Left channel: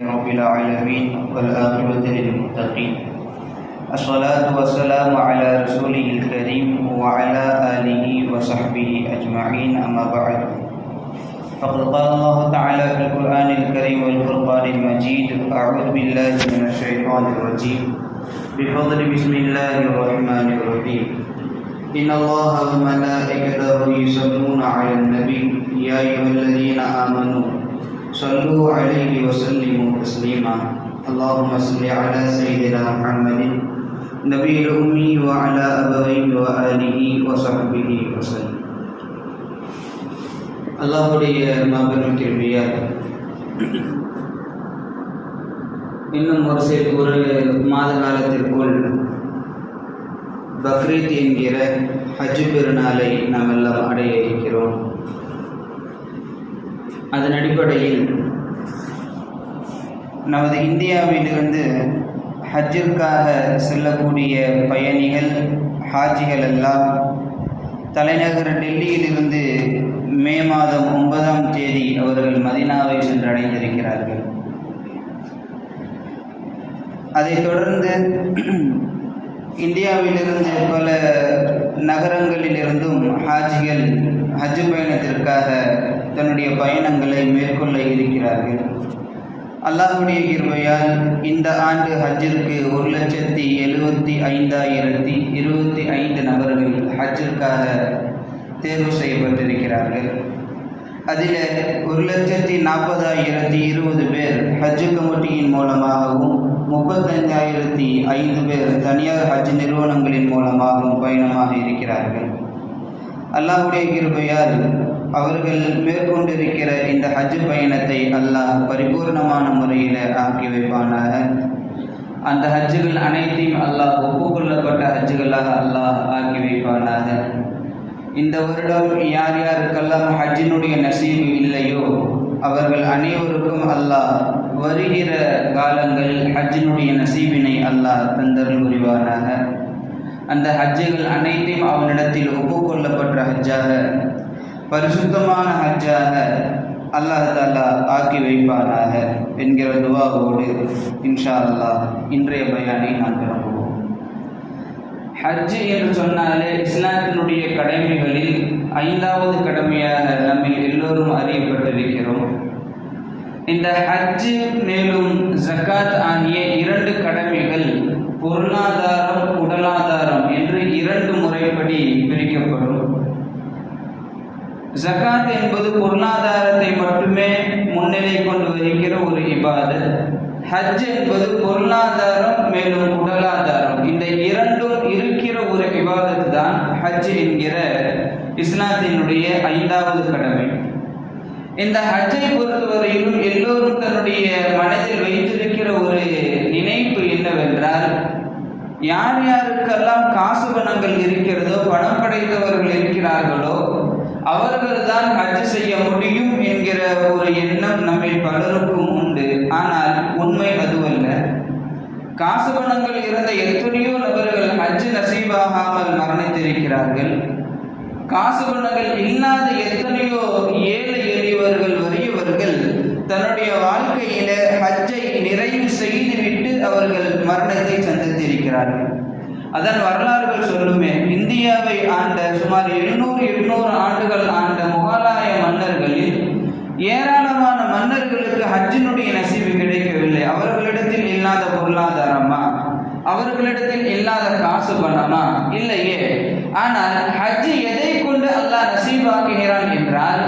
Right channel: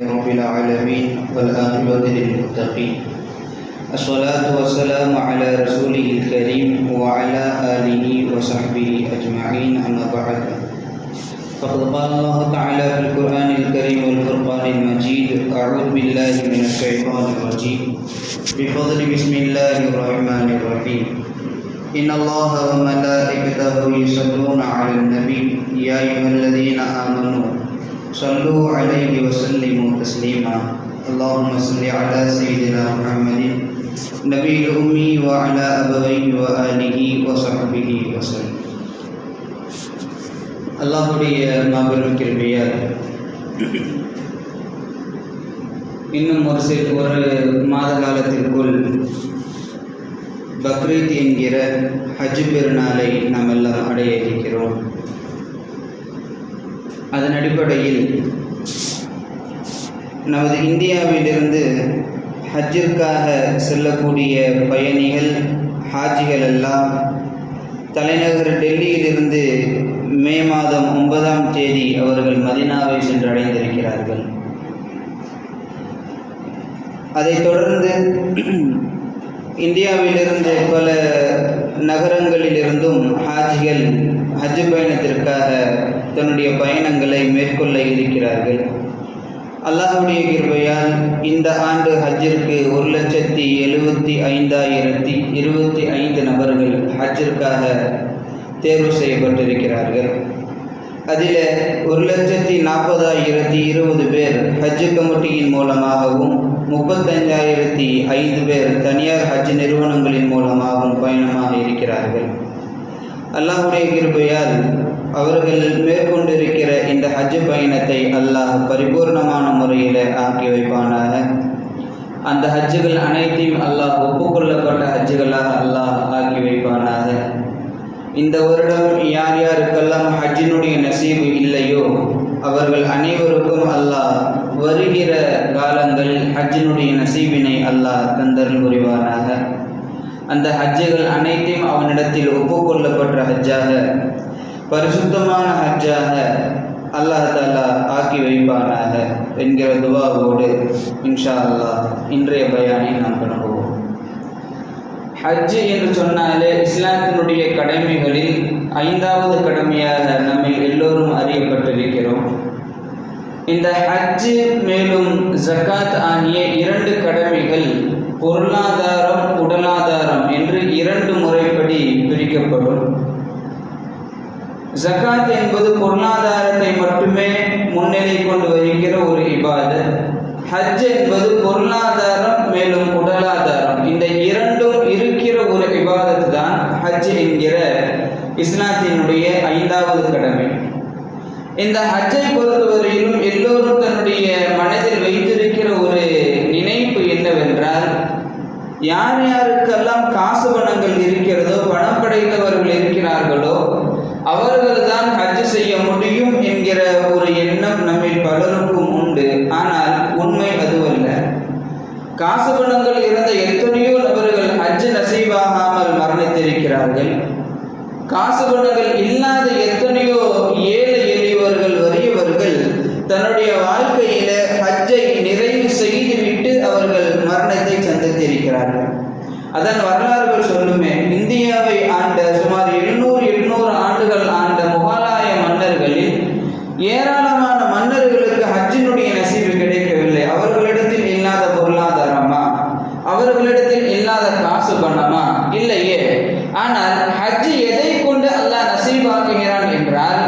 رب العالمين والعاقبة للمتقين. الصلاة والسلام على رسوله الكريم وعلى آله وصحبه أجمعين، أما بعد. فقد قال الله تعالى في القرآن الكريم والفرقان المجيد: أعوذ بالله من الشيطان الرجيم، بفضل بسم الله الرحمن الرحيم. إن الله وملائكته يصلون على النبي يا أيها الذين آمنوا صلوا عليه وسلموا تسليما. اللهم صل على سيدنا محمد نبي الأمي وعلى أبويه وآله وصحبه وسلم. அல்லாஹுடைய மாபெரும் கிருபையால் இன்னும் ஒரு மாத காலத்திற்குள் பக்ரீத் என்கிற ஹஜ் பெருநாளை நாம் எல்லாம் அடைய இருக்கிறோம். அதன் அடிப்படையில் நமது இந்தியாவிலிருந்து ஹஜ்ஜிற்காக செல்லக்கூடிய பயணிகள் ஹாஜிகள் எல்லாம் தலைநகர் டெல்லியிலிருந்து மே மாதம் 9ஆம் தேதி அவர்கள் மதீனாவை சென்றடைந்திருக்கிறார்கள். அதைத் தொடர்ந்து இந்தியாவிலிருந்து பல நகரங்களிலிருந்தும் ஹாஜிகள் ஹஜ் பயணத்திற்காக தன்னுடைய பயணங்களை மேற்கொள்ள இருக்கிறார்கள். அல்லாஹ்வுடைய கிருபையால் இந்த ஆண்டு ஹஜ்ஜிற்கு 1,75,025 நபர்கள் ஹஜ்ஜிற்காக தேர்வு செய்யப்பட்டிருக்கிறார்கள். அதில் 1,40,020 பேர் ஹஜ் கமிட்டியின் மூலமாகவும் 35,005 பேர் தனியார் ஹஜ் நிறுவனங்களின் மூலமாகவும் பயணமாக இருக்கிறார்கள். அல்லாஹ்வுடைய கிருபையால் அவர்கள் மேற்கொண்டிருக்கிற இந்த ஹஜ் பயணத்தை அல்லாஹ் பரிபூர்ணமான முறையில் ஆக்கி வைப்பானாக. அந்த ஹஜ்ஜுகள் அனைத்தையும் அல்லாஹ் ஒப்புக்கொள்ளப்பட்ட ஹஜ்ஜுகளாக அல்லாஹ் ஆக்கி வைப்பானாக. இந்த வருடம் யார் யாருக்கெல்லாம் ஹஜ்ஜினுடைய நசீபு இல்லையோ அவர்கள் அனைவருக்கும் அல்லாஹ் வருகிற காலங்கள் ஹஜ்ஜினுடைய நசீபினை அல்லாஹ் தந்தருள் புரிவானாக. அந்த ஹஜ்ஜுகள் அனைத்தையும் அவனிடத்தில் ஒப்புக்கொள்ளப்பட்ட ஹஜ்ஜாக, பரிசுத்தமான ஹஜ்ஜாக அல்லாஹ் தஆலா ஆக்கி வைப்பானாக என்கிற துவாவோடு இன்ஷா அல்லாஹ் இன்றைய பயானை நான் தொடங்குவோம். ஹஜ் என்று சொன்னாலே இஸ்லாத்தினுடைய கடமைகளில் 5வது கடமையாக நம்மில் எல்லோரும் அறியப்பட்டிருக்கிறோம். இந்த ஹஜ் மேலும் ஜகாத் ஆகிய 2 கடமைகள் பொருளாதாரம் உடலாதாரம் என்று 2 முறைப்படி பிரிக்கப்படும். ஜகாத் என்பது பொருளாதாரத்தை மட்டுமே முன்னிலை கொண்டு வருகிற ஒரு இபாதத். ஹஜ் என்பது பொருளாதாரம் மேலும் உடலாதாரம், இந்த 2ம் இருக்கிற ஒரு இபாதத் தான் ஹஜ் என்கிற இஸ்லாத்தினுடைய 5வது கடமை. இந்த ஹஜ்ஜை பொறுத்தவரையிலும் எல்லோரும் தன்னுடைய மனதில் வைத்திருக்கிற ஒரு நினைப்பு என்னவென்றால், யார் யாருக்கெல்லாம் காசு பணங்கள் இருக்கிறதோ, பணம் படைத்தவர்கள் இருக்கிறார்களோ அவர்கள் தான் ஹஜ் செய்ய முடியும் என்கிற ஒரு எண்ணம் நம்மில் பலருக்கும் உண்டு. ஆனால் உண்மை அதுவல்ல. காசு பணங்கள் இருந்த எத்தனையோ நபர்கள் ஹஜ் நசீபாகாமல் மரணித்திருக்கிறார்கள். காசு பணங்கள் இல்லாத எத்தனையோ ஏழை எளியவர்கள் வறியவர்கள் தன்னுடைய வாழ்க்கையில ஹஜ்ஜை நிறைவு செய்துவிட்டு அவர்கள் மரணத்தை சந்தித்திருக்கிறார்கள். அதன் வரலாறுகள் சொல்லுமே, இந்தியாவை ஆண்ட சுமார் 700 ஆண்டுகள் ஆண்ட முகலாய மன்னர்களில் ஏராளமான மன்னர்களுக்கு ஹஜ்ஜினுடைய நசீபு கிடைக்கவில்லை. அவர்களிடத்தில் இல்லாத பொருளாதாரமா, அவர்களிடத்தில் இல்லாத காசு பணமா? இல்லையே. ஆனால் ஹஜ் எதை கொண்டு அல்லாஹ் நசீபாக்குகிறான் என்றால்,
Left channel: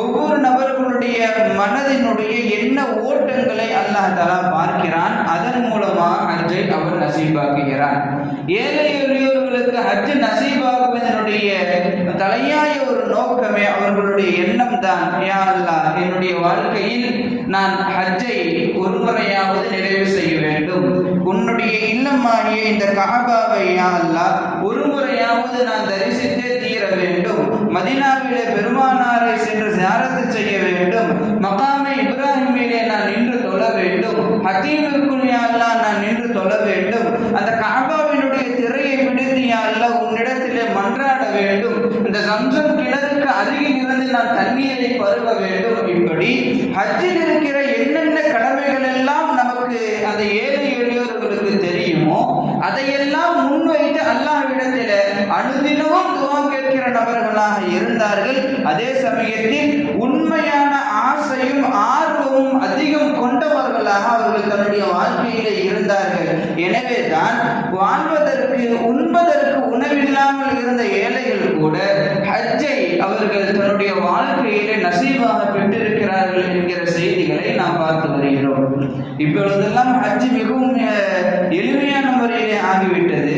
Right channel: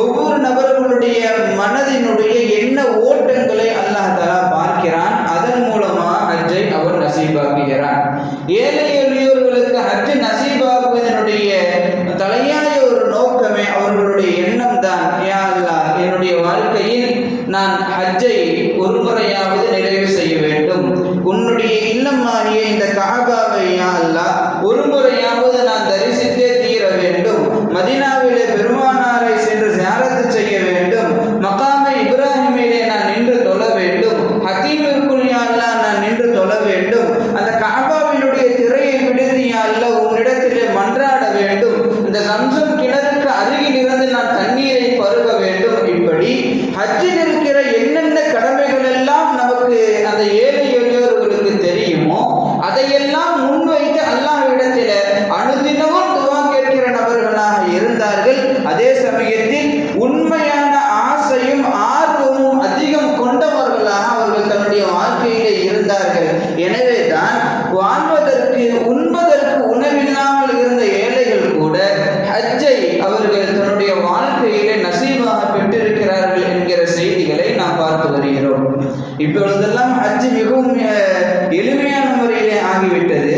ஒவ்வொரு நபர்களுடைய மனதினுடைய எண்ண ஓட்டங்களை அல்லாஹ் தஆலா பார்க்கிறான். அதன் மூலமாக ஹஜ்ஜை அவர் நசீபாக்குகிறான். ஏழை எளியோர்களுக்கு ஹஜ் நசீபாகுவதனுடைய தலையாய ஒரு நோக்கமே அவர்களுடைய எண்ணம் தான், யா அல்லாஹ் என்னுடைய வாழ்க்கையில் நான் ஹஜ்ஜை ஒரு முறையாவது நிறைவு செய்ய வேண்டும். உன்னுடைய இல்லமாகிய இந்த கஅபாவை யா அல்லாஹ் ஒரு முறையாவது நான் தரிசித்தே தீர வேண்டும். மதீனாவிலே பெருமானாரை சென்று ஜியாரத் செய்ய வேண்டும். மகாமை இப்ராஹிமிலே நான் நின்று தொழ வேண்டும். ஹதீமிற்குள் யா அல்லாஹ் நான் நின்று தொழ வேண்டும். அந்த கஅபாவினுடைய திரையை பிடித்து யா அல்லாஹ் உன்னிடத்திலே மன்றாட வேண்டும். இந்த சம்சம் கிணறுக்கு அருகில் இருந்து நான் தண்ணீரை பருக வேண்டும். இப்படி ஹஜ்ஜில் இருக்கிற என்னென்ன கடமைகள் எல்லாம் அவர்கள் தன்னுடைய வாழ்க்கையிலே இருந்தார்கள். எனவே தான் வாழ்வதற்கு உண்பதற்கு உணவில்லாமல் இருந்த ஏழைகள் கூட ஹஜ்ஜை அவர்கள் தன்னுடைய வாழ்க்கையிலே நசீபாக பெற்றிருக்கிறார்கள் என்கிற செய்திகளை நாம் பார்த்து வருகிறோம். இப்பொழுதெல்லாம் ஹஜ் மிகவும் எளிமையான முறையிலே ஆகிவிட்டது.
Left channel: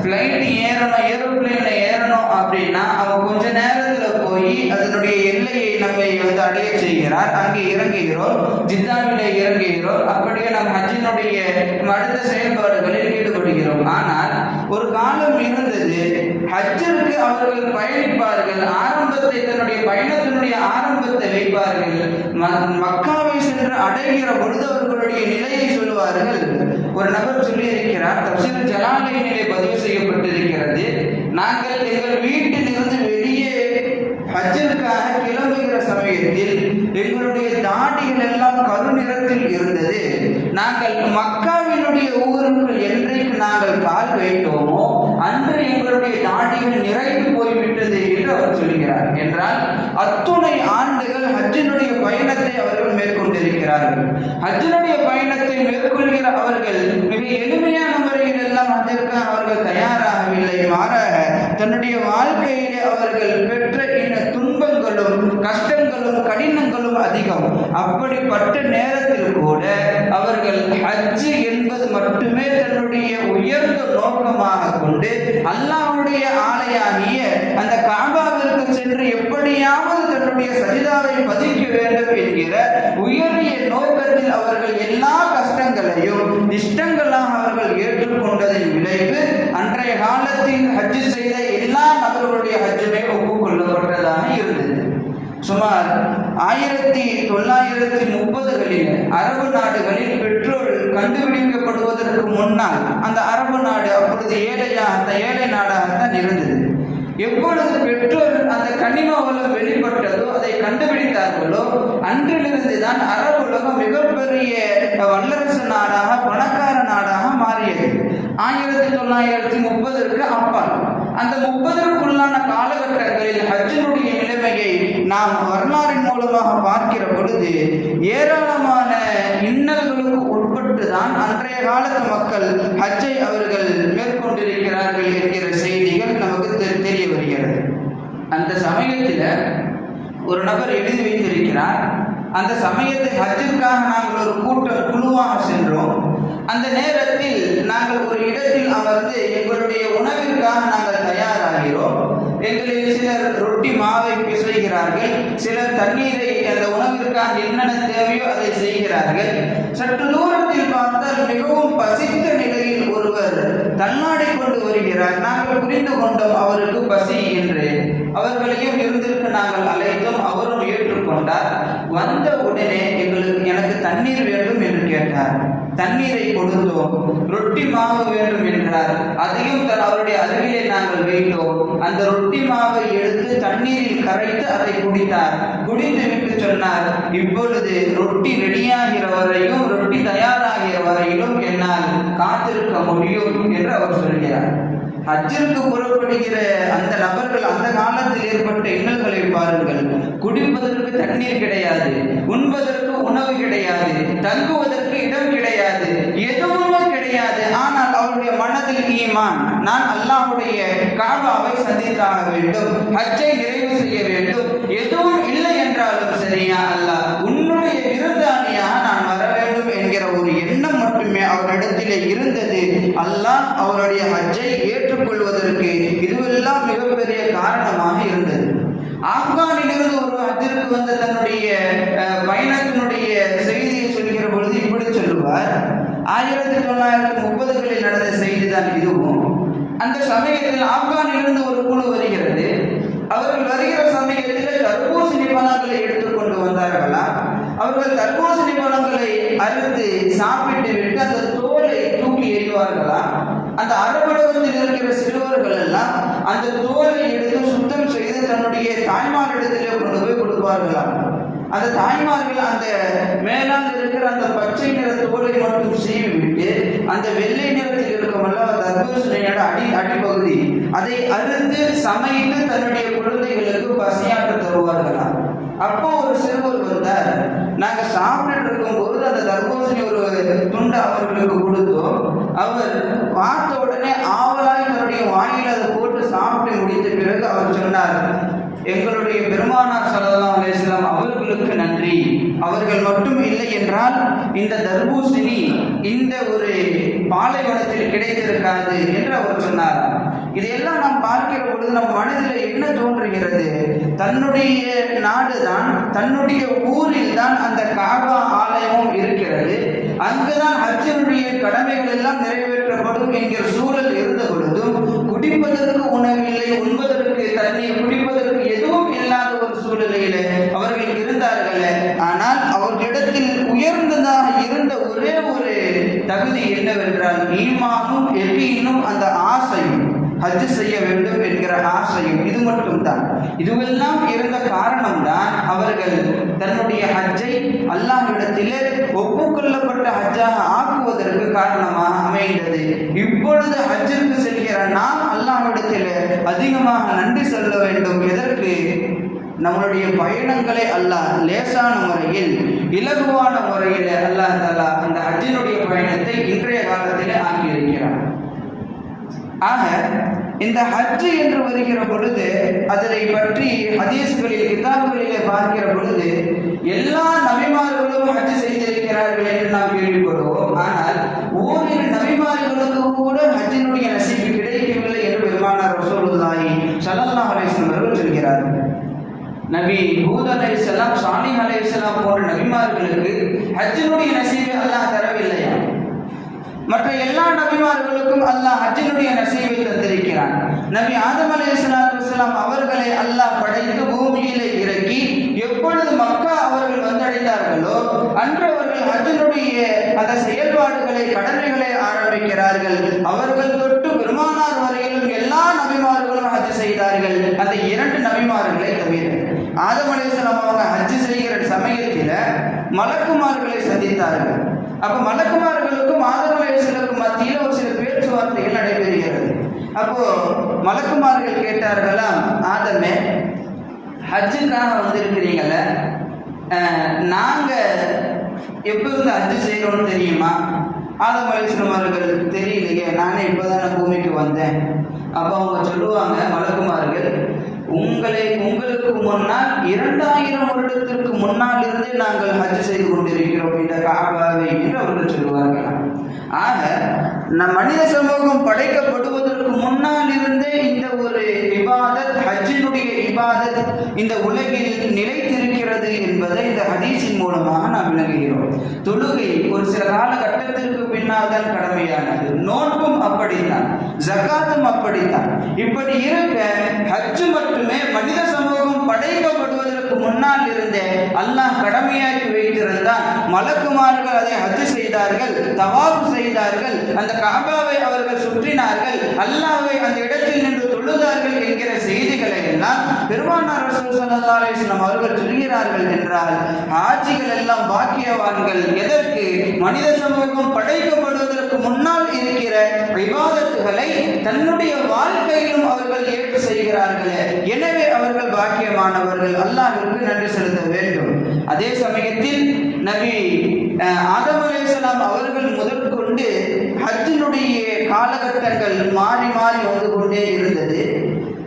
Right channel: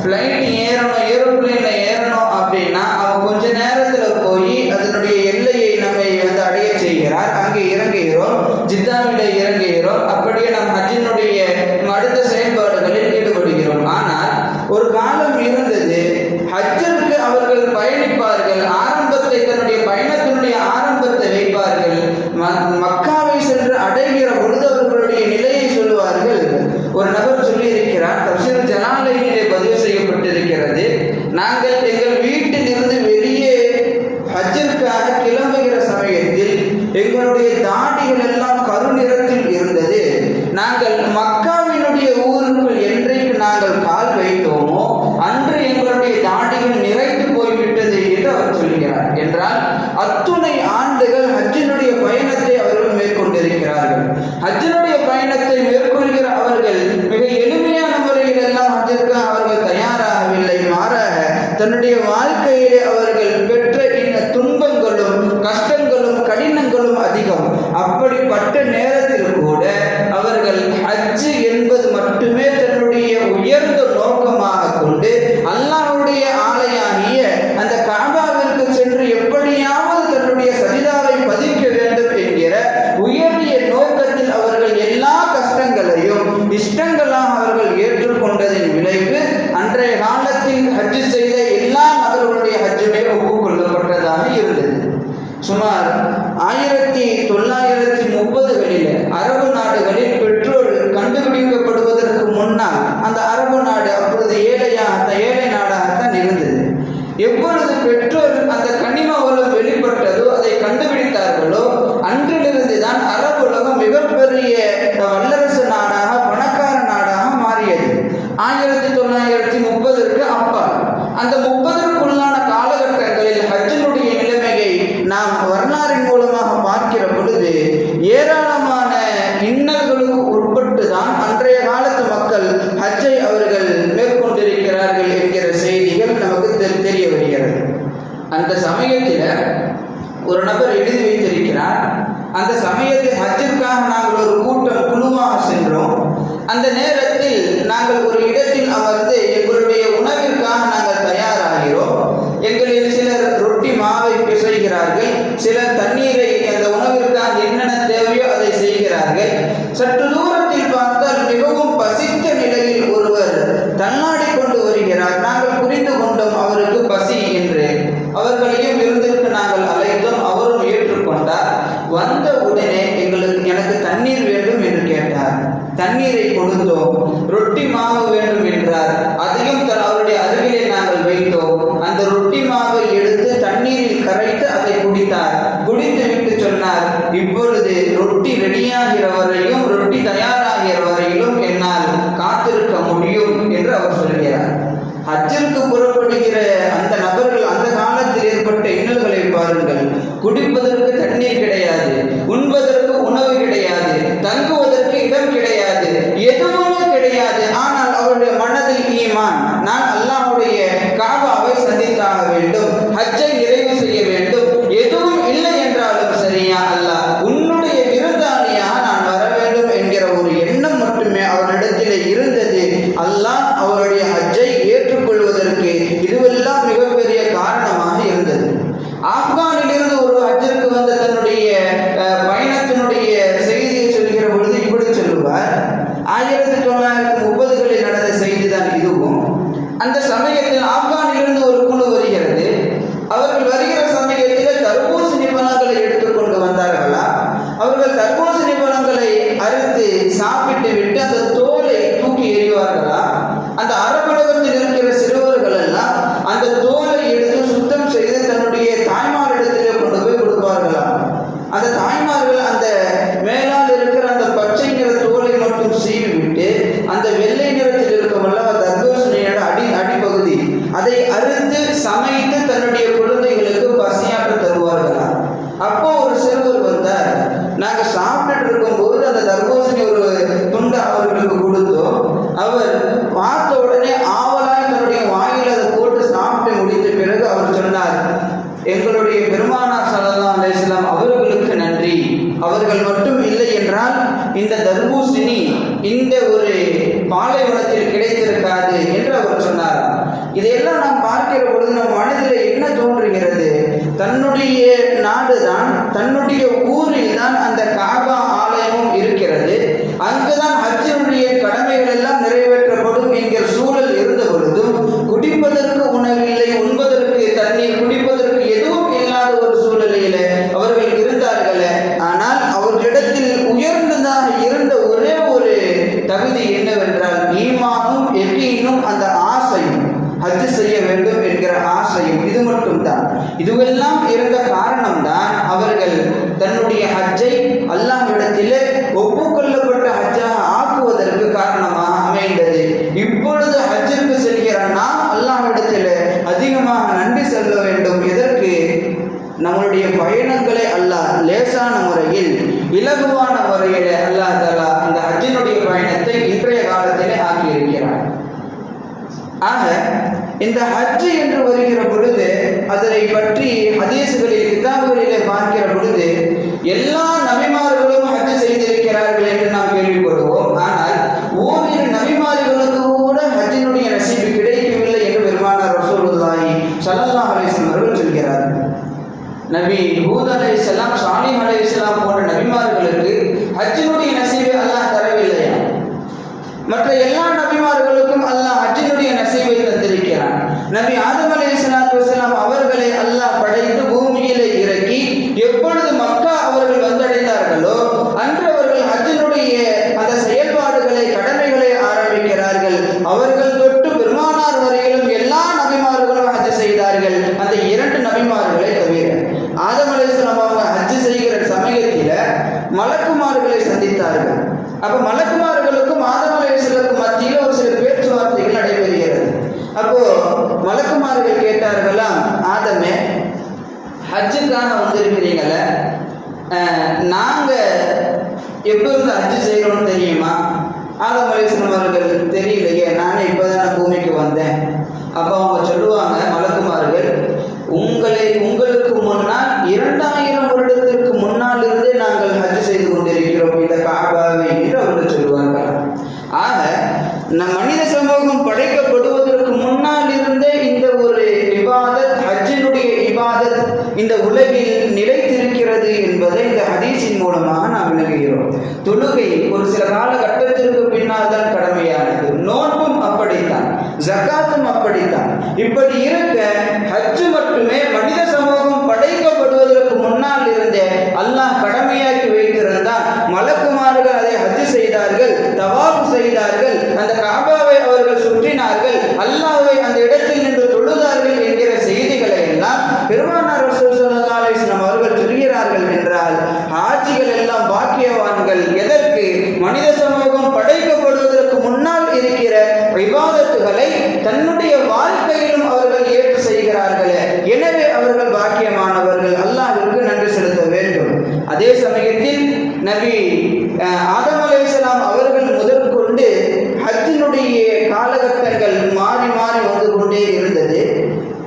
ஃப்ளைட் ஏறணும், ஏரோப்ளேன்ல ஏறணும் அப்படின்னா அவன் கொஞ்ச நேரத்தில் போய் அதனுடைய எல்லையை நம்மை அடைய செய்கிறார். அங்கே இறங்குகிறோம், ஜித்தாவிலே இறங்குகிறோம். அப்படியே நம் ஹஜ்ஜினுடைய அடுத்த செயல்பாடுகளில் ஈடுபடுகிறோம். ஆனால் ஒரு காலம் இருந்தது, ஹஜ்ஜிற்கு அவர்கள் பயணிப்பார்கள், ஆரம்பத்தை தன்னுடைய பயணத்தினுடைய ஆரம்பத்தை வைப்பார்கள். மக்காவை சென்று அடைகிற பொழுது அவர்களுடைய நிலையை சொல்லுவார்கள். ஒரு நபர் சொல்லி இருக்கிறார், தஃசீர் ஜலாலைனிலே பதிவு செய்யப்பட்டிருக்கிறது, நாங்கள் எங்கள் வீட்டில் இருந்து வெளியே ஹஜ்ஜிற்காக கிளம்புகிற சமயத்தில் எங்களுடைய தாடிகள் எல்லாம் கருநிறத்தில் இருந்தது. நாங்கள் மக்காவினுடைய ஊருக்குள் என்றைக்கு நாங்கள் கால் வைத்தோமோ அன்று எங்களுடைய தாடிகள் நிறைந்து போய்விட்டது என்று அவர் சொல்கிறார். என்றால் அத்துணை ஆண்டுகள் ஹஜ்ஜினுடைய பயணத்தை அவர்கள் மேற்கொண்டிருக்கிறார்கள். ஹஜ்ஜினுடைய பயணத்தை மேற்கொள்கிற அவர்கள் மிக எளிமையான முறையில் எல்லாம் ஹஜ்ஜிற்காக அவர்கள் தயாராகவில்லை. மாறாக தன்னுடைய வாழ்க்கையிலே அவர்கள் பெற்ற துன்பங்களும் கஷ்டங்களும் கடினங்களும் அதிகம். அப்படிப்பட்ட நேரத்தில் கூட அவர்கள் ஹஜ் என்பது மட்டுமே தன்னுடைய உயர்ந்த நோக்கமாக கொண்டு அல்லாஹ்வுடைய ஆலயமாகிய அந்த காபாவிற்கு சென்று எப்படியாவது தன்னுடைய சஜிதாவை பதிக்க வேண்டும் என்கிற உயரிய நோக்கத்தில் அவர்கள் எல்லா கஷ்டங்களையும் இஷ்டங்களாக அவர்கள் ஏற்றுக்கொண்டதின் விளைவு அன்றைய காலத்தில் ஹஜ் செய்த எல்லா நபர்களுடைய ஹஜ்ஜுமே ஒப்புக்கொள்ளப்பட்டதாக இருந்தது. சுமார் 1930களில் அரபு நாடுகளில் பெட்ரோல் கண்டுபிடிக்கப்படுவதற்கு முன்னால் அந்த அரபு நாடு அப்பொழுது ஏழை நாடாகத்தான் இருந்தது. எப்பொழுது பெட்ரோல் அந்த கனிம வளம் வெளிப்பட்டதோ, அதை கண்டுபிடித்தார்களோ, அன்றிலிருந்து தான் அரபு உலகம் மிகப்பெரிய வல்லரசு நாடாக பணக்கார நாடாக மாறியது. 1930க்கு அப்பால் அந்த 30க்குள்ளான காலகட்டங்களில் ஹஜ்ஜினுடைய நிலைமையை நாம் வரலாறின் மூலமாக பார்க்கிற பொழுது ஏராளமான இன்னல்களுக்கு உட்பட்டு தான் அன்றைய காலத்து மக்கள் ஹஜ்ஜை அவர்கள் மேற்கொண்டிருக்கிறார்கள் என்கிற செய்திகள் நமக்கு தெரிய வருகிறது. அந்த சமயத்தில் ஒரு நபர் எழுதி வைத்திருக்கிறார், அந்த சமயத்தில் ஹஜ்ஜுக்காக நாங்கள் ஒரு குழுவாக சென்றோம். அந்த நேரத்தில் நாங்கள் ஒரு இடத்தில் அமர்ந்து எங்களுடைய உணவிற்காக நாங்கள் தயாராகிறோம். எங்களில் சிலர் ரொட்டி மாவை பிசைகிறார்கள், சிலர் தண்ணீரை அந்த உணவிற்காக என்னென்ன தேவையோ அதை செய்கிறார்கள். சற்று தூரத்தில் பார்த்தால் மிகவும் பசித்த நிலையில் ஒருவர் தள்ளாடி கொண்டு வருகிறார். நாங்கள் புரிந்து கொண்டோம் அவருக்கு பசி என்று. அவர்களையும் விருந்திற்கு நாங்கள் அழைத்தோம், அவரும் ஏற்றுக்கொண்டார். வந்த உடனே எனக்கு தண்ணீர் வேண்டும் என்று கேட்டார். தண்ணீரை கொடுத்தோம். ரொட்டி மாவு வேண்டும் என்றார். அதையும் அவருடைய அருகிலே நாங்கள் வைத்தோம். அந்த ரொட்டி மாவை எடுத்து தண்ணீரில் கரைத்து அதை குடித்தார். குடித்து விட்டு சொன்னார், இப்பொழுது ரொட்டி ரெடியாகிற வரையும், ரொட்டி தயார் அவர் பார்த்த உடனே ஆவலாக தன்னுடைய வாயில் அதை போட்டு சாப்பிட்டு முடித்த பிறகு அவர் சொன்னார், எங்களுடைய பெருமானார் ஸல்லல்லாஹு அலைஹி வஸல்லம் அவர்களுக்கு நன்றி. அவர்கள் மட்டும் இல்லை என்றால் இந்த தர்பூசணி இந்த ஒரு பாலைவனத்தில் கிடைத்திருக்காது என்று அவர் சொன்னார். இதையெல்லாம் நாம் பார்க்கிற பொழுது நம் மனதில் என்ன தோன்றுகிறது? தன்னுடைய நாடுதான், தன்னுடைய ஊரில் தான் அந்த காபா ஆலயமும் இருக்கிறது. அங்குதான் ஹஜ்ஜினுடைய கடமைகள் எல்லாம் நிறைவேற்றப்படும் என்கிற சூழல் இருந்த பொழுதும் குடிப்பதற்கு உணவில்லை, உண்பதற்கு தண்ணீர், குடிப்பதற்கு எதுவும் இல்லாத ஒரு சூழலில் அவர்கள் இருந்தார்கள். ஆனால் அவர்களிடத்தில் உயர்ந்ததாக இருந்த ஒரே ஒரு தகுதி என்னவென்றால் ஈமானும் யகீனும், அந்த ஆசையும், ஹஜ் செய்ய வேண்டும் என்கிற ஆசையும். இது மட்டும்தான். இதுவெல்லாம் இருந்த காரணம்தான் அவர்கள் தன்னுடைய ஹஜ்ஜை அல்லாஹ்விடத்திலே ஒப்புக்கொள்ளப்பட்ட ஹஜ்ஜாக ஆக்குவதற்கு காரணமாக அமைந்தது. இப்பொழுது ஹஜ்ஜிற்கு செல்கிற நாம் அல்லாஹ்விடத்திலே அதிகமாக நன்றி சொல்ல வேண்டும். இதற்கு நம்மளுடைய பயணங்களை அல்லாஹ் லேசான முறையில், இலகுவான முறையில் அல்லாஹ் தஆலா அந்த ஹஜ்ஜினுடைய பயணத்தை இன்றைய காலத்திலே ஆக்கியிருக்கிறார். ஆக இந்த ஹஜ் என்று வருகிற பொழுது அதனை பற்றி ஹதீஸ்களில், கிதாபுகளிலே பார்க்கிற பொழுது எல்லா நபிமார்களும் ஹஜ் செய்திருக்கிறார்கள் என்று நாம் கேள்விப்படுவோம். ஆனால் ஓரிரு நபிமார்களுக்கு கூட ஹஜ்ஜினுடைய நசீபு கிடைக்கவில்லை என்று பெருமானார் ரசூலுல்லாஹி ஸல்லல்லாஹு அலைஹி வஸல்லம் அவர்கள் சொல்கிறார்கள். நபி ஹூத் அலைஹிஸ்ஸலாம், சாலிஹ் அலைஹிஸ்ஸலாம் போன்ற நபிமார்களுக்கு ஹஜ்ஜினுடைய நசீபை அல்லாஹ் தரவில்லையா? மற்ற எல்லா நபிமார்களுக்கும் அல்லாஹ் ஹஜ்ஜினுடைய நசீபை தந்திருக்கிறான். நபி ஆதம் அலைஹிஸ்ஸலாத்து வஸலாம் அவர்களை அல்லாஹ் படைத்து பூமியிலே இறக்கி எப்பொழுது மக்கா அவர்கள் வந்தடைந்தார்களோ அன்று அவர்கள் ஹஜ்ஜினுடைய அந்த செயல்பாடுகளை, கடமைகளை ஆரம்பிக்கிறார்கள். அவர்கள் தொட்டு பெருமானார் வரையிலும் எல்லா நபிமார்களும் ஹஜ் செய்தார்கள். அந்த இரண்டு நபிமார்களை தவிர ஆதம் அலைஹிஸ்ஸலாம் அவங்க ஹஜ் செய்கிற சமயத்தில் மலக்குமார்களை சந்தித்தார்கள். அப்ப மலக்குமார்களுக்கும் ஆதம் அலைஹிஸ்ஸலாத்துக்கும் மத்தியில் ஒரு சில பேச்சுவார்த்தைகள் நடைபெறுகிறது. அப்போ மலக்குமார்கள் கேட்டார்களாம், ஆதமே, ஹஜ்ஜுக்காக வந்திருக்கிறீங்கள, நாங்க எப்பொழுது ஹஜ் செய்யறோம்னு தெரியுமா? ஆதம் அலைஹிஸ்ஸலாம் அவர்கள் தெரியலையே, நானே இப்போதான பூமிக்கு வந்தேன். அப்போ அவங்க சொல்லுவாங்க, மலக்குமார்கள், உங்களுக்கு முன்னால் 2000 வருடத்திற்கு முன்னால் இருந்தே நாங்கள் ஹஜ் செய்து கொண்டிருக்கிறோம் இந்த காபாவை என்று அவர்கள் சொல்லுவார்கள். ஆக மனித சமூகம் படைக்கப்படுவதற்கு முன்னால் இருந்தே இந்த ஒரு இபாதத், ஹஜ்ஜினுடைய இபாதத் இந்த உலகில் நிலைத்திருக்கிறது என்பதை இந்த ஹதீஸின் மூலமாக நாம் விளங்குகிறோம். தொழுகை ஒரு சில காலகட்டத்திற்கு பின்னால் தான் கடமையானது. நோன்பும் அப்படித்தான், ஜகாத்தும் அப்படித்தான். இப்படி இருக்க ஹஜ் மட்டுமே மனித சமூகம் படைக்கப்படுவதற்கு முன்னால் இருந்தே அல்லாஹ் கடமையாக்கி வைத்திருந்தான். மலக்குமார்கள் அதை ஹஜ் செய்தார்கள், தவாஃப் செய்தார்கள், அந்த காபாவை அவர்கள் சுற்றினார்கள், அல்லாஹ்வை அந்த இடத்தில் நின்று தொழுதார்கள் என்கிற செய்திகளை எல்லாம் பெருமானார் ரசூல் ஸல்லல்லாஹு அலைஹி வஸல்லம் அவர்கள் சொல்கிறார்கள் என்றால் ஹாஜிகள் எல்லாம் பாக்கியவான்கள். எதற்கு? மனித சமூகம் படைக்கப்படுவதற்கு முன்னால் இருக்கிற இபாதத்துகளை தன்னுடைய வாழ்க்கையிலும் அவர்கள் ஏற்று செய்கிறார்கள். எனவே அவர்கள் பாக்கியமானவர்கள். அல்லாஹ்விற்கு நன்றி செலுத்த வேண்டும். அதே சமயத்தில் நபி ஆதம் அலைஹிஸ்ஸலாம் அவர்கள் முதற்கொண்டு ஹஜ்ஜினுடைய காலகட்டங்கள் மாறி மாறி வந்து கொண்டே இருந்தது.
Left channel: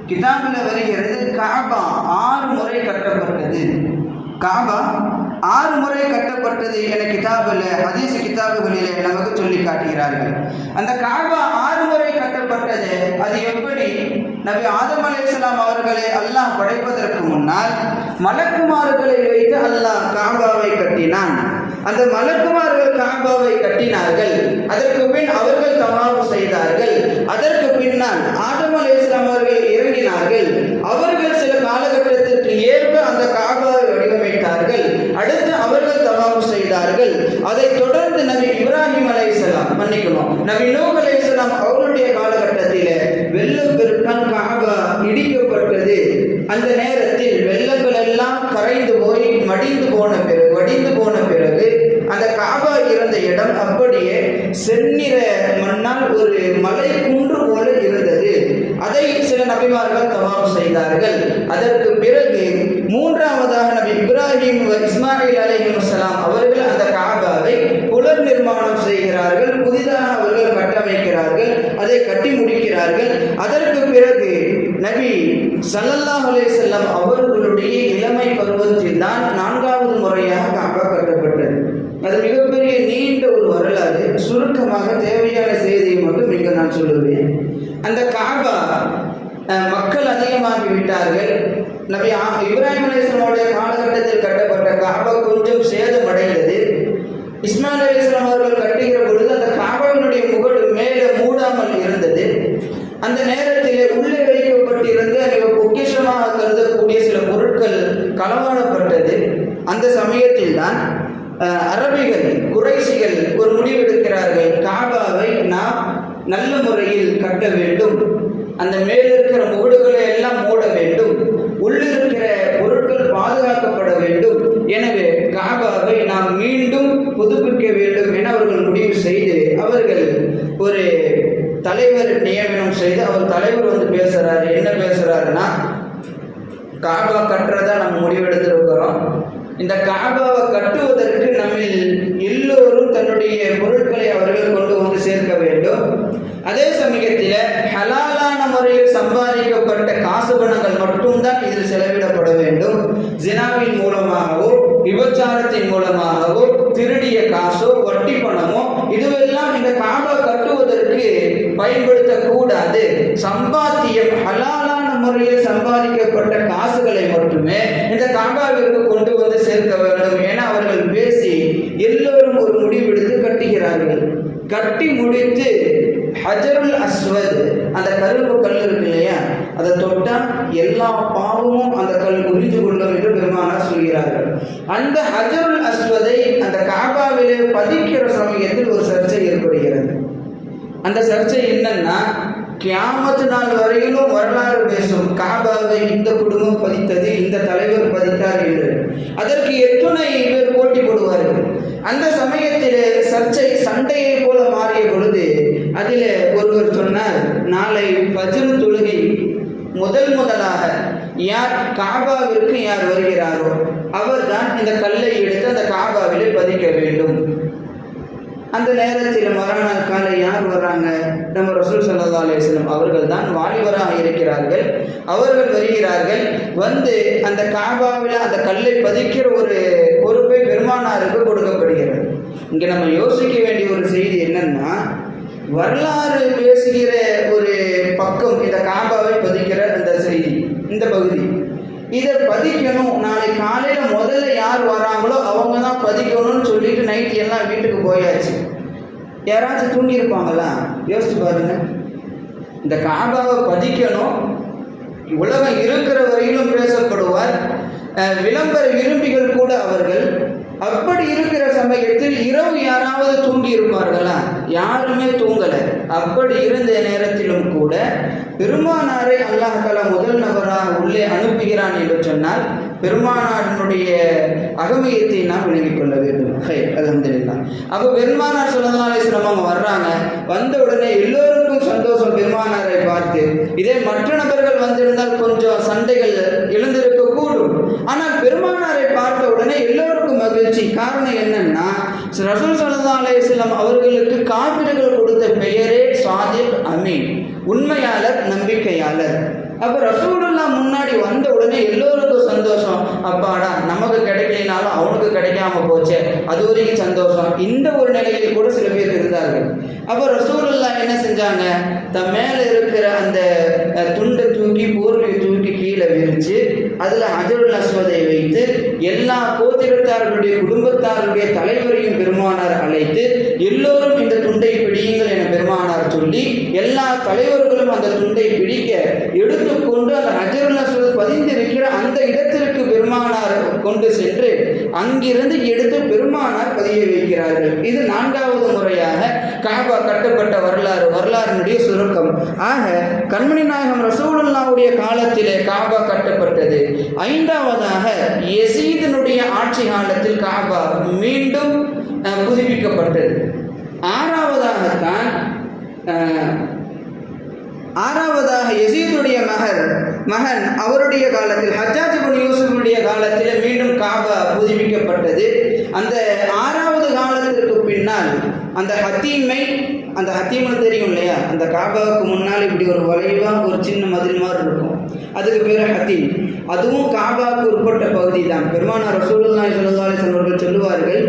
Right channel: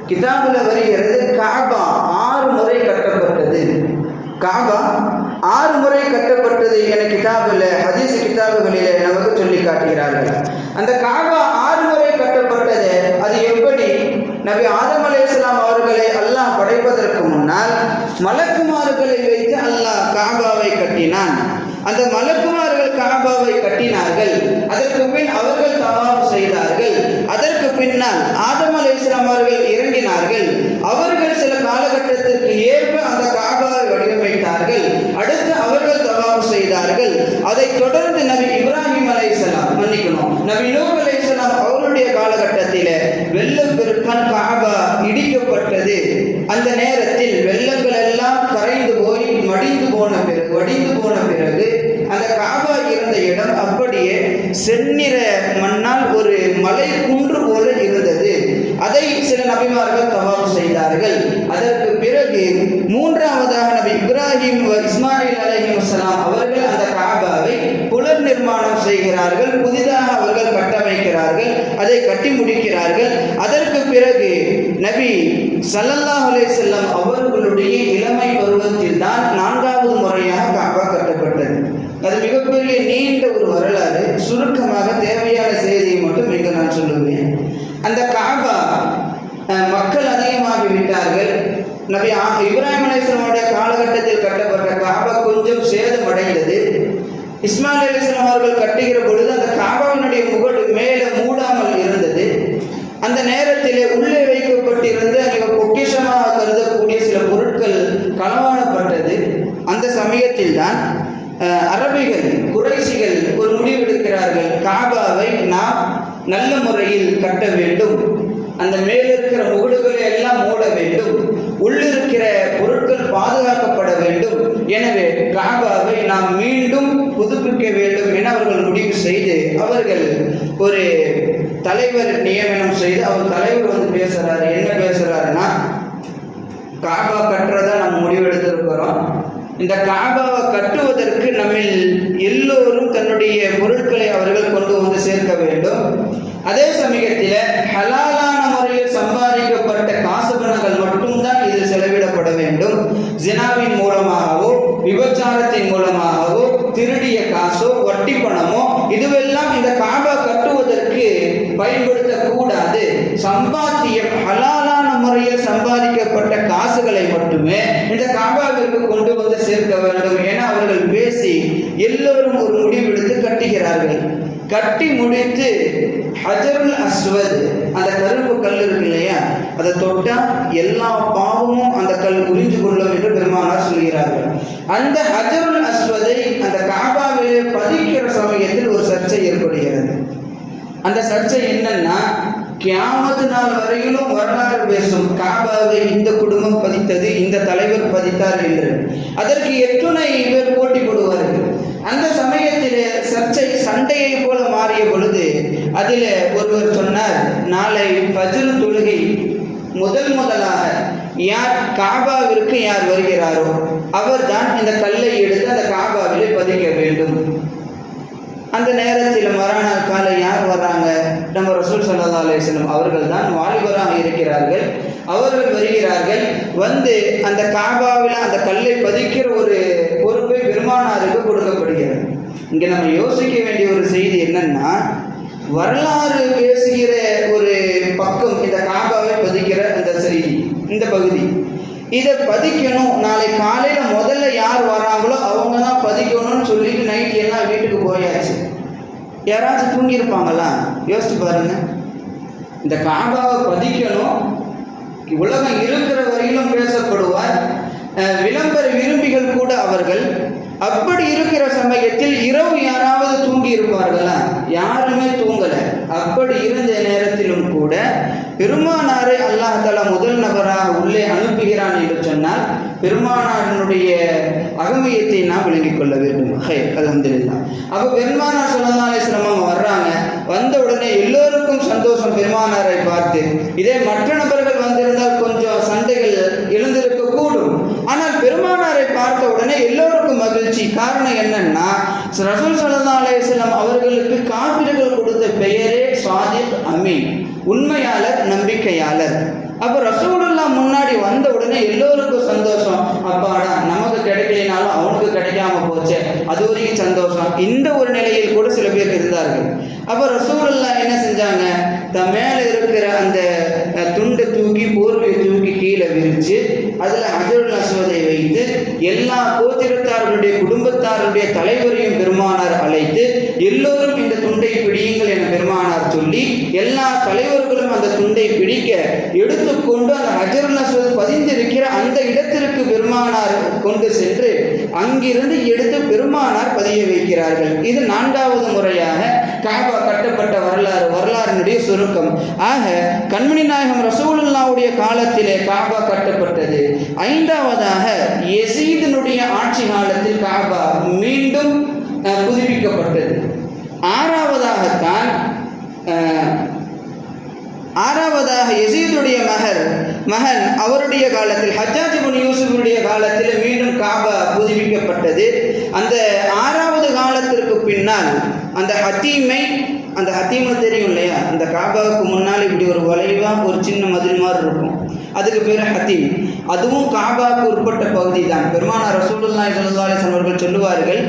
கிதாபில் வருகிறது, காபா 6 முறை கட்டப்பட்டது. காபா 6 முறை கட்டப்பட்டது என கிதாபில், ஹதீஸ் கிதாபுகளிலே நமக்கு சொல்லி காட்டுகிறார்கள். அந்த காபா 6 முறை கட்டப்பட்டது. அது எப்படி? நபி ஆதம் அலைஹிஸ்ஸலாம் அவர்களை அல்லாஹ் படைப்பதற்கு முன்னால் மலக்குமார்களை வைத்து அல்லாஹ் காபாவை கட்டினான். அந்த மலக்குமார்கள் காபாவை கட்டினார்கள். அதற்கு பின் அவர்கள் தவாஃப் செய்தார்கள். அதற்கு பின்னால் ஆதம் அலைஹிஸ்ஸலாம் அவர்கள் இறங்கினார்கள். அவர்கள் சில காலகட்டத்திற்கு ஏற்ப அந்த காபாவை வடிவமைத்தார்கள். அடுத்து அவர்கள் தவாஃப் செய்தார்கள். அதை தொடர்ந்து நபி இப்ராஹிம் அலைஹிஸ்ஸலாம், நபி நூஹ் அலைஹிஸ்ஸலாம் அவருடைய காலகட்டத்தில் வெள்ளம் பெருக்கான் காபா இடிக்கப்பட்டது. அந்த நேரத்தில் வெள்ளங்கள் எல்லாம் கரைந்து போய் வடிந்து போன பிறகு அந்த காபா இருந்த இடம் அப்படியே செந்நிற மண்ணால் ஒரு மலை குன்று போல இருந்தது. அதை சில நபிமார்கள் தவாஃப் செய்தார்கள். அதற்கு பிறகு மூன்றாவதாக நபி இப்ராஹிம் இஸ்மாயில் அலைஹிஸ்ஸலாம் அவர்கள் அந்த காபாவை புனர் நிர்மாணம் செய்கிறார்கள். புதிதாக அவர்கள் கட்டமைக்கிறார்கள். ஸல்லல்லாஹு அலைஹி வஸல்லம் அவர்களுடைய இளமை பருவத்தில் தான் 4வது முறையாக காபா கட்டப்பட்டது. அது மிகப்பெரிய நீண்ட ஒரு வரலாறு. சுருக்கமாக தேவையான செய்தியை மட்டும் இங்கு நான் சொல்லுவேன். அந்த காபா மக்கள் அதிகமாகி விட்டார்கள். நபி இப்ராஹிம் அலைஹிஸ்ஸலாமுடைய காலகட்டத்தில் கட்டப்பட்ட காபா கொஞ்சம் சேதமடைந்தது. இஸ்மாயில் அலைஹிஸ்ஸலாம் அவர்கள் கட்டுகிற பொழுது அந்த காபாவினுடைய முகடு மேலே மூடாமல் இருந்தது. அந்த நேரத்திலே உள்ளே வைக்கப்பட்டிருந்த மிக பொக்கிஷமாக கருதக்கூடிய சில பொருட்கள் களவாடப்பட்டது. அந்த சமயத்தில் தான் அரபிகள் குறைஷிகள் ஒரு முடிவெடுக்கிறார்கள், காபாவை நாம் நல்ல முறையில் கட்ட வேண்டும், அந்த மேலிருக்கிற முகடுகளை எல்லாம் மூட வேண்டும், உள்ளிருக்கிற பொருட்கள் பாதுகாக்கப்பட வேண்டும், எனவே காபாவை நாம் மீண்டும் புதுப்பிக்க வேண்டும் என அவர்கள் முடிவு செய்து அவர்கள் ஒரு தலைவர் நியமனம் செய்து அவர் தலைவர் வந்து பேசுறாரு. என்ன பேசுறாருன்னா, காபா கட்டுறதா நம்ம முடிவெடுத்திருக்கிறோம். இந்த காபாவை கட்டுவதற்கு நம்மில் எல்லோரும் தன்னுடைய பொருட்களை அவர்கள் கொண்டு வந்து சேர்க்க வேண்டும். அதே சமயத்தில் ஹலாலான முறையில் சம்பாதிக்கப்பட்ட காசு பணங்கள் மட்டும்தான் இதில் செலவிடப்பட வேண்டும். ஜினாவின் மூலமாகவோ விபச்சாரத்தின் மூலமாகவோ திருடிய காசோ வட்டி பணமோ இதுவெல்லாம் இந்த காபா கட்டுவதற்கு பயன்படுத்தக்கூடாது. சம்பாத்தியம் ஹலாலான முறையில் சம்பாதிக்கப்பட்ட காசுகளை மட்டுமே இந்த காபாவிற்கு கொண்டு வந்து சேர்க்க வேண்டும் என அவர்கள் பேசி எல்லோரும் ஒரு முடிவெடுத்து கட்டுகிறார்கள். கட்டி முடித்து ஹஜருல் அஸ்வத், அந்த கருப்பு கல் இருக்கு இல்லையா, அதை தொட்டா எல்லா பாவமும் அந்த கல் புரிஞ்சு கொள்ளும் என்று பெருமானார் சொல்கிறார்கள். அந்த ஹஜருல் அஸ்வதை அந்த காபாவிலே பதிக்கிற சமயத்தில் ஒரு சர்ச்சை ஏற்படுகிறது. அந்த சர்ச்சை என்னன்னா, கியாமத்து நாள் வரையிலும் வரலாறு பேசும், காபாவை இந்த குடும்பம் பதித்தது, இந்த தலைவர் பதித்தார் என்று. அதற்கு எத்துணை பேர் போட்டி போடுவார்கள். அந்த சமயத்தில் சர்ச்சை சண்டையை போல மாறிய பொழுது அதில் ஒருவர் சொன்னார், நாளை ஃபஜ்ர் தொழுகை முதலாக யார் காபாவிற்கு யார் வருகிறாரோ அவர்தான் இந்த கல்லை எடுத்து அந்த காபாவிலே பதிக்க வேண்டும். அந்த நேரத்தில் மறுநாள் காலை யார் வர்றாங்க? நம்ம ரசூல் ஸல்லல்லாஹு அலைஹி வஸல்லம் அவர்கள் தான் வாலிபராக இருக்கிறார்கள். அவர்கள் வருகிறார்கள். வந்து அந்த காபாவில் அந்த கல்லை பதிக்கிற ஒரு பொறுப்பை பெருமானாருக்கு கொடுக்கப்படுகிறது. இங்கே நம்ம யோசிக்க வேண்டிய ஒரு செய்தி என்னன்னா, வரலாறு பேசுகிற ஒரு பக்கம் இந்த காபாவை பதிக்கிற அந்த செய்தி, இந்த பகுதி இதை பதிக்கணும். நாளை காலையில் முதல்ல யார் வராங்களோ அவங்க தான் பதிக்கணும்னு சொல்லிட்டு நைட்டு எல்லாம் வீட்டுக்கு போயாச்சு. யாராச்சும் தூங்கியிருப்பாங்களா? யோசிச்சு பாருங்க. இந்த காபாவை பதிக்கணும், உலகம் இருக்கிற வரையிலும் பேசப்படுவார். விளம்பர விரும்பிகள் கூட அவர்கள். அப்படி இருக்கிற சமயத்தில் இரவு யாராவது தூங்கி இருப்பார்களா? யாருமே தூங்கலை. அப்படி இருந்த நேரத்திலும் கூட பெருமானாரை அல்லாஹ் தஆலா முதல் நபராக உள்ளே அனுப்புகிறான் என்று சொன்னால் பெருமானாரினுடைய அகமையத்தை நாம் விளங்கிக் கொள்ள வேண்டும். அல்ஹம்துலில்லாஹ். அப்போ பெருமானார் ஸல்லல்லாஹு அலைஹி வஸல்லம் வர்றாங்க. வந்த உடனே எல்லோருக்கும் சந்தோஷம் பெருமானாரை பார்த்து. இதே மற்ற நபர்கள் வந்திருந்தால் கொஞ்சம் சண்டைகள் எழுந்திருக்க கூடும். ஆனால் பெருமானாரை பார்த்த உடனே எல்லோருக்கும் மகிழ்ச்சி. காரணம் என்னன்னா, ரசூல் ஸல்லல்லாஹு அலைஹி வஸல்லம் அவர்களுக்கு காஃபிர்கள் கொடுத்த பெயரே சாதிக் அமீன், உண்மையாளர், நம்பிக்கையாளர். அப்போ ரசூலுல்லாஹ் முன்னாடி வந்த உடனே எல்லோருக்கும் சந்தோஷம். அப்பாடா, நமக்கு கிடைக்கலினாலும் அவனுக்கு கிடைக்காம போச்சே, அது வரைக்கும் சந்தோஷம். இந்த ஒரு நிலையில் கூட சில பேர் இருந்தார்கள். அப்போ ரசூலுல்லாஹ் என்ன செஞ்சாங்க, தன் மேலே இருக்கிற அந்த துண்டை தூக்கி போர்வையை தூக்கி கீழே விரித்து அதில் ஹஜருல் அஸ்வதை வைத்து எல்லா கோத்திரத்தார்களுடைய குடும்பத்தாருடைய தலைவரையும் பெருமானார் அழைத்து எல்லோரும் இந்த துண்டை பிடியுங்கள் என பெருமானார் சொல்லி எல்லா தலைவர்களும் அந்த துண்டை பிடிக்க எடுத்துக்கொண்டு அந்த ஹஜருல் அஸ்வத் பதிந்திருக்கிற அந்த இடத்திற்கு பெருமானார் கொண்டு சென்று அங்கிருந்து எடுத்து பெருமானார் பதிய வைக்கிறார்கள். இது 4வது முறையாக காபா கட்டப்பட்ட வரலாறினுடைய சுருக்கம். ஆக கண்மணி நாயகம் ரசூலுல்லாஹ்வுடைய காலத்திலே காபா கட்டப்பட்டது. 5வதாக யஸீதினுடைய ஆட்சி காலத்தில் காபா மீண்டும் புதுப்பிக்கப்பட்டது. 6வதாக யஸீதுடைய மகன் அவருடைய காலத்தில் ஹஜ்ஜாஜ் இப்னு யூசுஃபுடைய காலத்தில் மீண்டும் காபா புதுப்பிக்கப்பட்டது. அந்த 6வது காலத்திற்கு பின்னால் அந்த ஹத்தீமை அந்த ஹத்தீம்னு தெரியும் இல்லையா, அந்த காபாவுக்கு முன்னால் இப்படி ஒரு வளைவாக ஒரு சின்ன மதில் மாதிரி இருக்கும், அதுக்கு பேர் ஹத்தீம். அதுவும் காபாவுக்கு உட்பட்ட பகுதி தான். பெருமானார் ரசூலுல்லாஹி ஸல்லல்லாஹு அலைஹி வஸல்லம் அவர்கள் சொல்லுவார்கள்,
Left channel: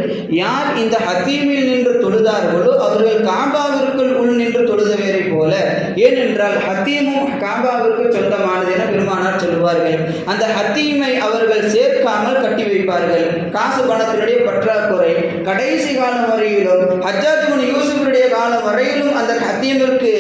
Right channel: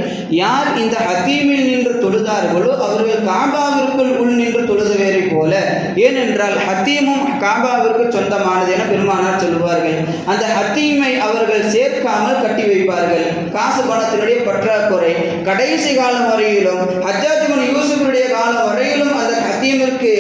யார் இந்த ஹத்தீமில் நின்று தொழுதார்களோ அவர்கள் காபாவிற்குள் உள் நின்று தொழுதவரை போல. ஏனென்றால் ஹத்தீமும் காபாவிற்கு சொந்தமானது என பெருமானார் சொல்லுவார்கள். அந்த ஹத்தீமை அவர்கள் சேர்க்காமல் கட்டி வைப்பார்கள். காசு பணத்தினுடைய பற்றாக்குறை கடைசி காலம் வரையிலும், ஹஜ்ஜாஜ் இப்னு யூசுஃபுடைய காலம் வரையிலும் அந்த ஹத்தீமிற்கு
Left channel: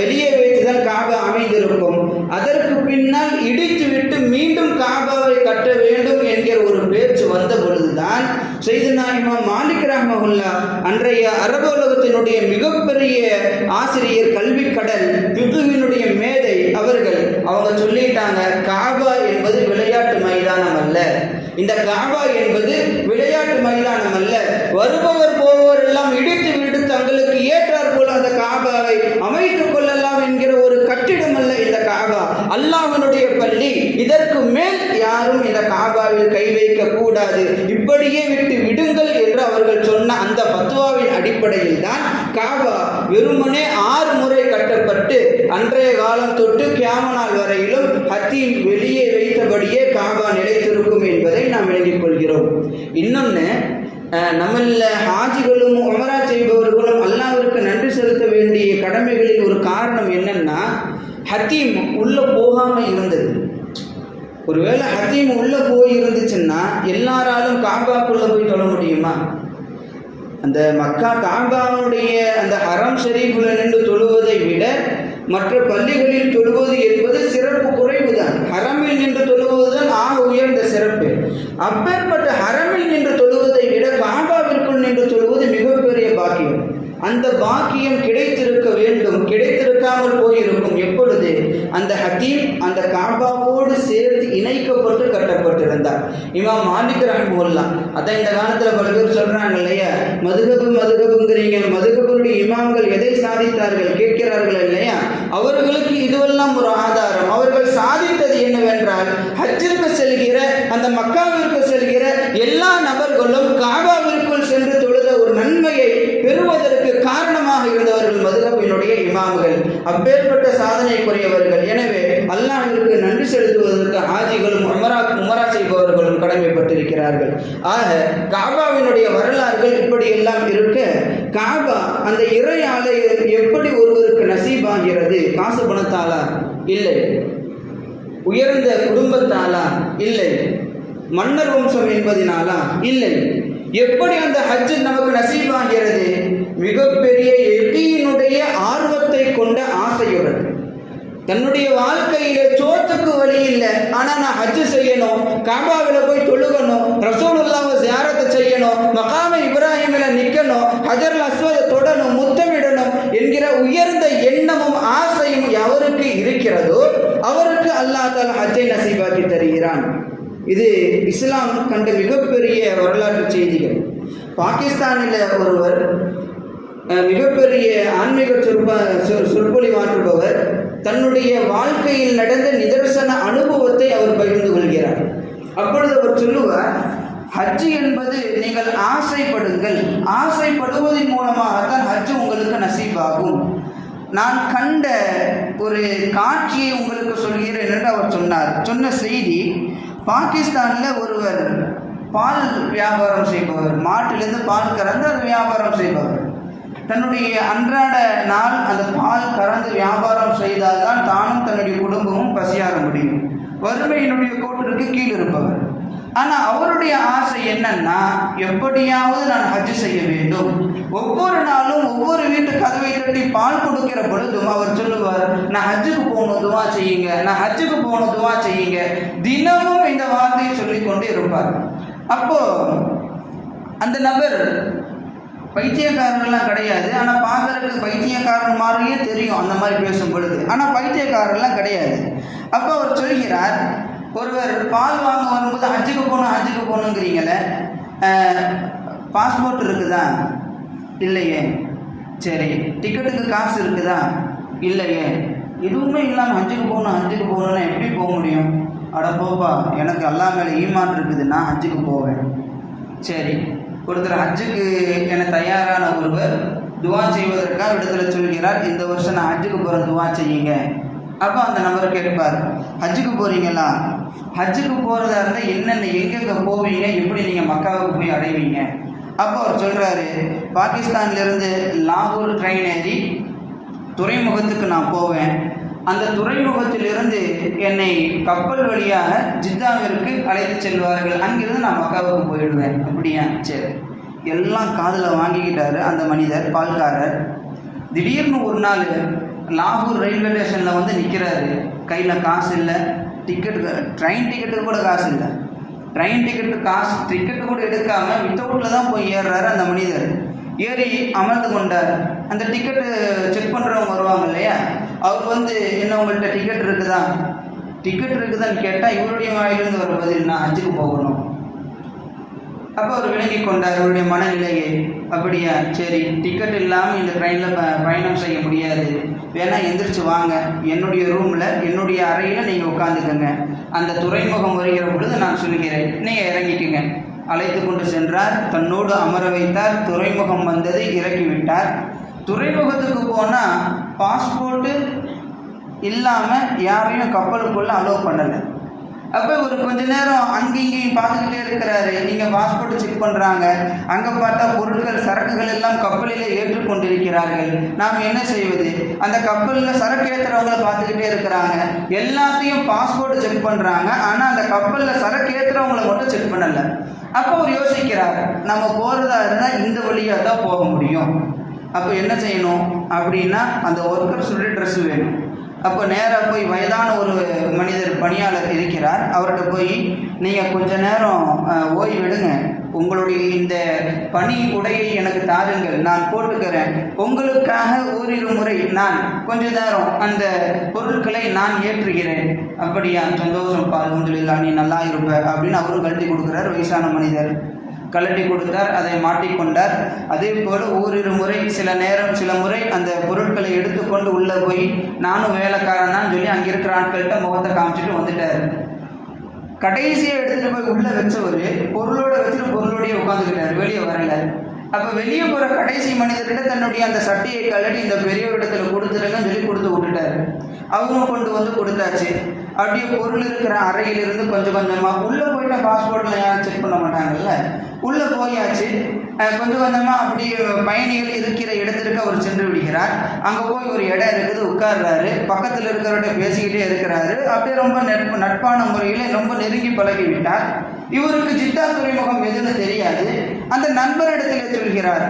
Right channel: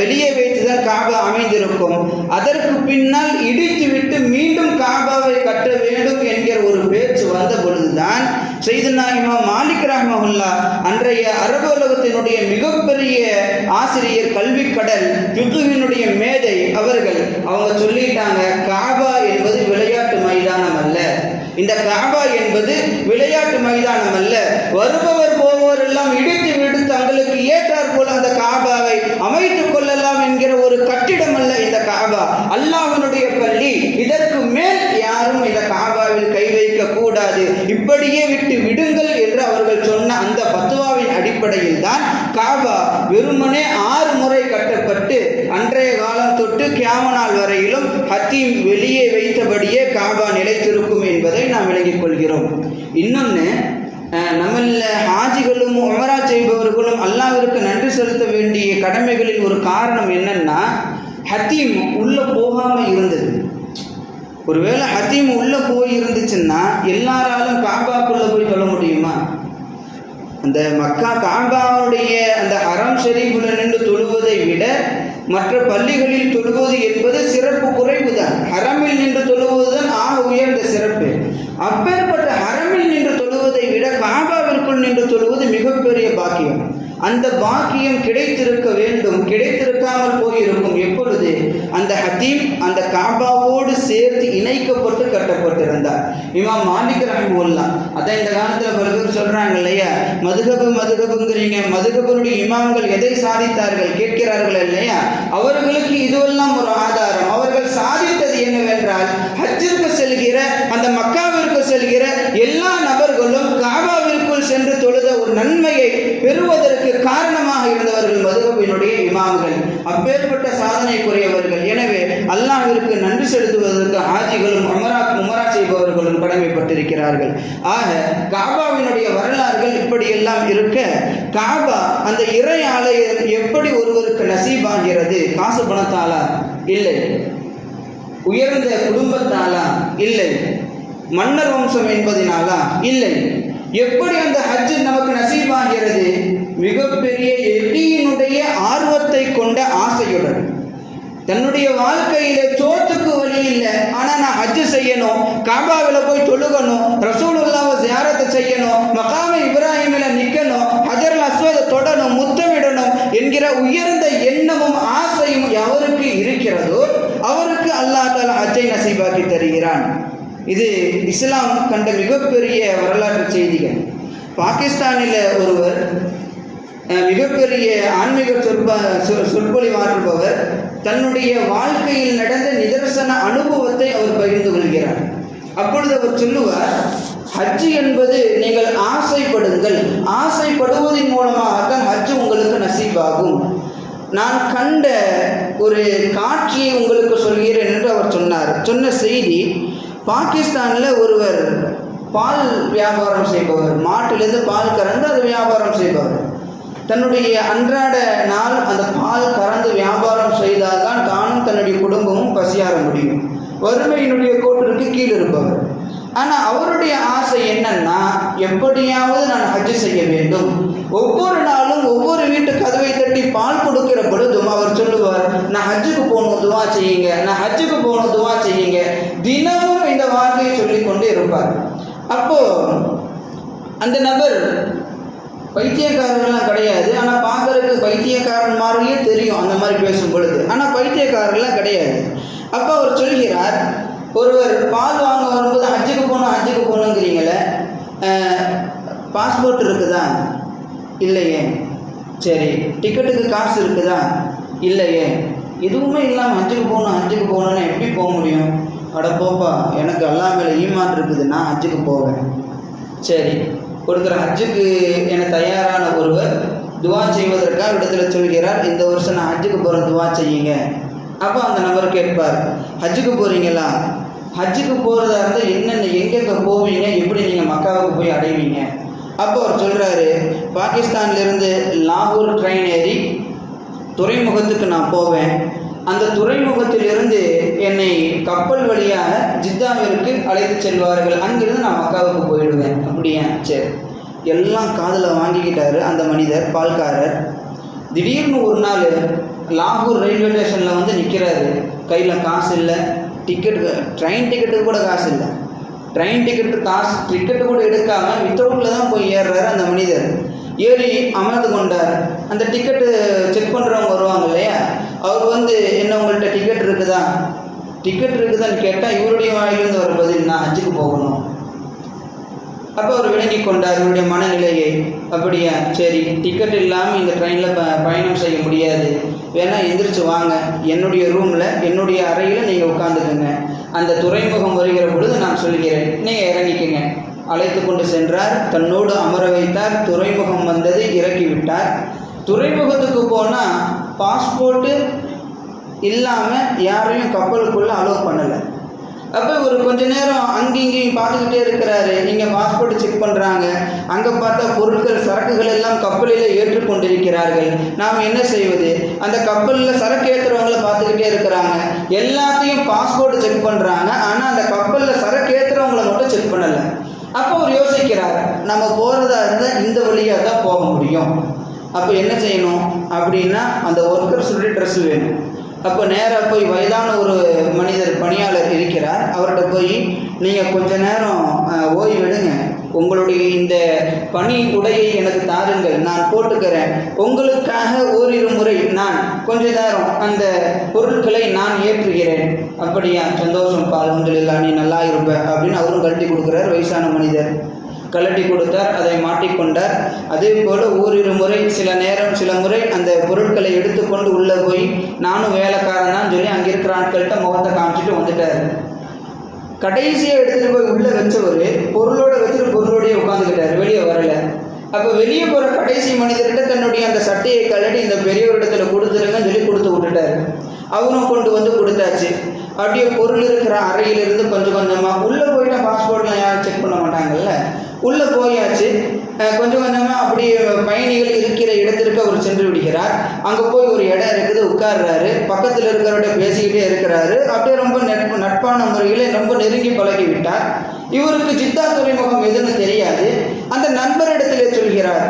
வெளியே வைத்துதான் காபா அமைந்திருக்கும். அதற்கு பின்னால் இடித்துவிட்டு மீண்டும் காபாவை கட்ட வேண்டும் என்கிற ஒரு பேச்சு வந்த பொழுதுதான் சையதுனா இமாம் மாலிக் ரஹ்மஹுல்லாஹ், அன்றைய அரபு உலகத்தினுடைய மிகப்பெரிய ஆசிரியர், கல்வி கடல், ஃபிக்ஹினுடைய மேதை, அவங்க சொல்லிட்டாங்க, காபா என்பது விளையாட்டு மைதானம் அல்ல. இந்த காபா என்பது விளையாட்டு மைதானம் அல்ல. வருபவர் போவோர் எல்லாம் இடித்து விட்டு தங்களுக்கு ஏற்றார் போல அந்த காபாவை அமைத்துக் கொள்ளலாம் என்கிற ஒரு கட்டிடம் அல்ல இந்த காபா, அல்லாஹ்வினுடைய பள்ளி. இதற்கு மேல் யாரும் இந்த காபாவில் கை வைக்க கூடாது, இப்படியே விட்டு விடுங்கள் என்று அவர்கள் சொன்ன அந்த பத்வாவின் அடிப்படையில் தான் காபா வெறுமனே 6 முறை கட்டப்பட்டு அன்றைய காலம் தொட்டு கியாம நாள் வரையிலும் ஹத்தீம் வெளியே வைத்தபடியே காபா நிலைத்திருக்கும் என்பதை நாம் விளங்கிக் கொள்கிறோம். இன்னொன்று, நம்மள ஹாஜிகளும் உம்ரா செய்பவர்களும் அல்லாஹ்விற்கு நன்றி செலுத்த வேண்டிய கடமைகளில் ஒரு காரணம் என்னன்னா, ஹத்தீம் உள்ளே போகாமல் இருந்தது. ஒருவேளை ஹத்தீம் உள்ளே போய் இருந்துச்சுன்னா எல்லாராலும் காபாக்குள்ளே போய் தொழ முடியுமா? அந்த மக்கா காபாவுடைய அந்த ஹரம் ஷரீஃபில் நின்று தொழுவதை விட மற்ற பள்ளிகளில் தொழுவது என்பது சிறப்பு குறைவு தான். ஹரமில் நின்று தொழுவதுதான் ஆக உயர்ந்த சிறப்பு. அப்பேற்பட்ட ஹரமில் நின்று தொழுவதை விட காபாவிற்குள் நின்று தொழுவது மிகப்பெரிய பாக்கியம். அந்த பாக்கியம் கிடைத்திருக்க வேண்டும், கிடைத்திருக்காமல் போயிருக்கும். எப்பொழுது அந்த ஹத்தீம் அந்த காபாவோடு சேர்த்து இணைக்கப்பட்டு கட்டப்பட்டிருந்தார். இமாம் மாலிக் ரஹ்மத்துல்லாஹ், அதான் இந்த காலத்தில் பல பேர் சொல்றாங்க இல்லையா, மதுகபுங்கிறீங்க, மதுகபுடைய இமாம்கள் எதை சாதித்தார்கள் கேட்கிறார்கள் இல்லையா, அவர்களுக்கு இதுவெல்லாம் ஒரு ஆதாரம். அவர்கள் சாதித்தது என்னவென்றால், ஹஜ்ஜிற்கு செல்கிற அந்த மக்காவிற்கு செல்கிற எல்லா நபர்களும் காபாவிற்குள் சென்று தொழுத ஒரு நன்மையை பெறுவதற்கு காரணமாக இருந்தவர்கள் மதுஹபினுடைய இமாம்கள். அப்பேற்பட்ட சாதனைக்குரியவர்கள். எனவே அல்லாஹ்விற்கு நன்றி செலுத்துவதற்கு ஹாஜிகளும் உமரா செய்பவர்களும் கடமைப்பட்டிருக்கிறார்கள். ஆக காபாவினுடைய வரலாறுகள் இப்படியெல்லாம் இருக்க, காபா அந்த இறை ஆலயம் எப்படி ஒருவருக்கு நசீபாகிறது? காசு பணத்தாலா? இல்லை. உயர்ந்த குடும்பத்தாலா? இல்லை. மன்னர் வம்சம் என்பதினாலா? இல்லை. எப்படி அந்த ஹஜ் நமக்கு நசீபாகிறது? மிகப்பெரிய யகீனுடைய ஆர்வத்தை கொண்ட ஆசையுடன். தன்னுடைய வாழ்க்கையில சோத்துக்கு வழி இல்லை, ஆனால் நான் ஹஜ் செய்யணும், காபாவில் போய் தொழுகணும், ரசூலுல்லாஹ்வை ஜியாரத்தை செய்யணும், மகாம இப்ராஹிமில் நிற்கணும், ஹஜருல் அஸ்வதை தொடணும், முத்தமிடணும் என்கிற உயர்ந்த எண்ணமும் ஆசையும் எவருக்கு இருக்கிறதோ அவருக்கு அல்லாஹ் தஆலா ஹஜ்ஜை நசீபாக்கி தருகிறான். இது இஸ்லாம் கண்ட மிகப்பெரிய வரலாற்று செய்திகள். பாகிஸ்தானில் ஒருவர் மிகப்பெரிய ஆன்மீக சொற்பொழிவாற்றுபவர் தன்னுடைய வாழ்க்கையில் நடந்த நிதர்சன அனுபவத்தை அவர் பகிர்ந்து கொள்கிறார். அப்பொழுது அவர் சொல்லுவார், ஹஜ் என்பது நீங்கள் ஆசைப்படுங்கள், ஆசைப்படுவதன் மூலமாகத்தான் ஹஜ் உங்களுக்கு நசீபாகும். நான் கண்ட ஒரு காட்சியை உங்களுக்கு சொல்கிறேன் என்று அவர் சொன்னார். சொன்ன செய்தி, பாகிஸ்தானில் ஒருவர் பால் வியாபாரம் செய்பவர், மாட்டிலிருந்து பால் கறந்து அதை வியாபாரம் செய்பவர். தன்னுடைய அன்றாட நாள் அந்த பால் கறந்து வியாபாரம் செய்தால்தான் தானும் தன்னுடைய குடும்பமும் பசியாற முடியும். வறுமையினுடைய கோட்டிற்கு கீழ் இருப்பவர். ஆனால் அவருடைய ஆசை என்னன்னா, எப்படியாவது நான் ஹஜ் செய்ய வேண்டும். ஒவ்வொரு நாளும் ஒவ்வொரு வீட்டு கதவை தட்டி பால் கொடுக்கிற பொழுதும் அவர் சொல்லுவார், நான் ஹஜ்ஜுக்கு போகணும், துவா செய்யுங்க, நான் ஹஜ்ஜுக்கு போகணும், துவா செய்யுங்க. தினமும் இந்த வார்த்தையை சொல்லிக்கொண்டே இருப்பார். அப்போ அந்த நபர் பைத்தியக்காரர்கள்லாம் கிடையாது, ஆனால் பார்க்கறதுக்கு பைத்தியக்காரன் மாதிரியே தெரியும் அந்த மாதிரி பேசும் பொழுது, ஆனால் பைத்தியக்காரர்கள்லாம் கிடையாது. அப்போ அவர் சொல்கிறார், ஒருவர் பால் வாங்க வரும்போது ஹஜ்ஜுக்கு போகணுங்கிறீங்களே, பாஸ்போர்ட் இருக்குதா? இல்லையே. சரி, டிக்கெட்டுக்கு காசு இருக்குதா? இல்லையே. எதுவுமே இல்லாமல் ஹஜ்ஜுக்கு போகணுன்னா எப்படி போக முடியும்? அட போப்பா, எனக்கு அல்லாஹ் மேலே ஈமான் இருக்குது, நான் ஹஜ்ஜுக்கு போவேன். சரி, ஒருத்தர் ஹஜ்ஜுக்கு என தயாரான ஒருவர் துவா செய்வதற்காக இடத்துல சொல்கிறார், இந்த வருஷம் நான் ஹஜ்ஜுக்கு போகிற துவா செய்யுங்க. அப்போ அந்த நபர் கேட்பார், ஹஜ்ஜுக்கு போகிறீங்களா? ஹஜ்ஜுக்கு போகிறதா இருந்தால் என்னென்ன எங்கெங்கே போவீங்க, எப்படி நீங்கள் மக்காவுக்கு போய் அடைவீங்க? அப்போ அவர் சொல்கிறாரு, பாகிஸ்தான்லேருந்து லாகூர் ட்ரெயின் ஏறி துறைமுகத்துக்கு நான் போவேன். அந்த துறைமுகத்திலிருந்து என்னை கப்பல் வழியாக ஜித்தாவிற்கு அழைத்து செல்வார்கள். அங்கிருந்து நான் மக்காவுக்கு போயிடுவேன். அப்படியா? சரி. எல்லாம் காதில் வாங்கிக்கிட்டாரு அந்த மனிதர், பால்காரர். திடீர்னு ஒரு நாள் லாகூர் ரயில்வே ஸ்டேஷனில் வந்து நிற்கிறாரு. கையில் காசு இல்லை, ட்ரெயின் டிக்கெட்டுக்கு கூட காசு இல்லை. ட்ரெயின் டிக்கெட்டு கூட எடுக்காமல் வித்தவுட்டில் தான் போய் ஏறுறாரு அந்த மனிதர். ஏறி அமர்ந்து கொண்டார். அந்த டிக்கெட்டு செக் பண்ணுறவங்க வருவாங்க இல்லையா, அவர் வந்து என்ன உங்கள்கிட்ட டிக்கெட் இருக்குதான்னு கேட்டால் இவருடைய வாயிலிருந்து வர பதில், நான் ஹஜ்ஜுக்கு போகணும். அப்போ அவர் விளங்கி கொண்டார் அவருடைய மனநிலையை. அப்படியா? சரி, டிக்கெட் இல்லாமல் இந்த ட்ரெயினில் பயணம் செய்ய முடியாது, வேணா எந்திரிச்சு வாங்க, என்னுடைய ரூமில் என்னுடைய அறையில் நீங்கள் உட்காந்துக்குங்க, அந்த துறைமுகம் வருகிற பொழுது நான் சொல்கிறேன், நீங்கள் இறங்கிக்குங்க. அழைத்து கொண்டு சென்றார், தன்னோடு அமர வைத்தார். துறைமுகம் வந்தது, இறக்கிவிட்டார். துறைமுகத்துக்கு போனால் பாஸ்போர்ட்டு இல்லாமல் யாரையும் கப்பலுக்குள்ளே அலோவ் பண்ணலை. அப்போ ஒரு கொஞ்ச நேரம் அங்கேயும் பார்த்துக்கிட்டே இருக்கிறாரு. இங்கே பாஸ்போர்ட் செக் பண்ணுறாங்க, அங்கே பார்த்தா பொருட்கள் சரக்குகள் எல்லாம் கப்பலில் ஏற்றுக்கொண்டிருக்கிறார்கள். நாம் என்ன செய்வது? அந்த கப்பலில் சரக்கு ஏற்றுறவங்கள பார்த்துக்கிட்டே இருக்கிறாங்க. எல்லாத்தையும் பாஸ்போர்ட் செக் பண்ணுறாங்க, ஆனால் அந்த கப்பலில் சரக்கு ஏற்றுறவங்கள மட்டும் செக் பண்ணலை. அப்போ அவர் யோசிக்கிறார், நம்ம போகிறதா இருந்தால் இந்த வழியாக தான் போக முடியும். அப்போ என்ன செய்யணும் அப்படின்னா, அந்த ஒர்க்கர் சொல்லி ட்ரெஸ் வேணும். அப்போ நேராக போய் வயதான ஒரு மனிதர் பணியாளர் இருக்கிறார், அவர்கிட்ட போய் நீங்கள் கொஞ்ச நேரம் ஓய்வெடுங்க, உங்களுடைய இந்த பணி உடையை எனக்கு தாருங்கள், நான் போட்டுக்கிறேன், உங்களுக்காக ஓரிரு முறை நான் கொஞ்ச நேரம் அந்த பொருட்களை நான் ஏற்றுகிறேன். அப்படியா? சந்தோஷம், அல்ஹம்துலில்லாஹ், நீ நல்லா இருப்ப அப்படின்னு அவரும் கழட்டி கொடுக்குறார். வயசான மனிதர் கழட்டி கொடுத்தார், அதை மாட்டிக்கொண்டார். அதே போல் ஓரிரு முறை சில முறை அந்த பொருட்களை எடுத்துக்கொண்டு உள்ளே போய் நானும் வேலைக்காரன் தான் சொல்லி அங்கே இருக்கிற ஆட்கள்கிட்ட முகத்தை காமிச்சிட்டு வந்துட்டார். கடைசியாக எடுத்துகிட்டு போய் உள்ளே வச்சவர் பொருளோட வச்சுட்டு பொருளோடையே உட்காந்துக்கிட்டார், வெளியே வரல. அப்போ வெளியே போகிற கடைசி மனிதர்கிட்ட தன்னுடைய அந்த சட்டையை கழட்டி இந்த பெரியவரிடத்துல கொடுத்துருங்கன்னு சொல்லி கொடுத்து விட்டுட்டார். அவரும் கொண்டு வந்து கொடுத்தாச்சு. அப்படியே பொருள் இருக்கிற அறையிலிருந்து கொஞ்சம் கொஞ்சமாக உள்ளே போயிட்டா பாஸ்போர்ட்லாம் யாரும் செக் பண்ண மாட்டாங்கல்ல, உள்ளே போயாச்சு. கொஞ்சம் கொஞ்சமாக அப்படியே பயணிகள் இருக்கிற இடத்திற்கு அவர் சென்று விடுகிறார். அங்கே போய் ஒரு இடம் இருக்குது, உட்கார்றாரு. பக்கத்தில் இருக்கிறவர்கிட்ட பேசிக்கிட்டே இருக்கிறாரு. அப்படியே ரொம்ப நட்பான முறையில் ரொம்ப நெருங்கி பழகிவிட்டார். இவருக்கு ஜித்தா துறைமுகம் எதுன்னு தெரியாது. அந்த நண்பரிடத்திலே சொல்கிறார்,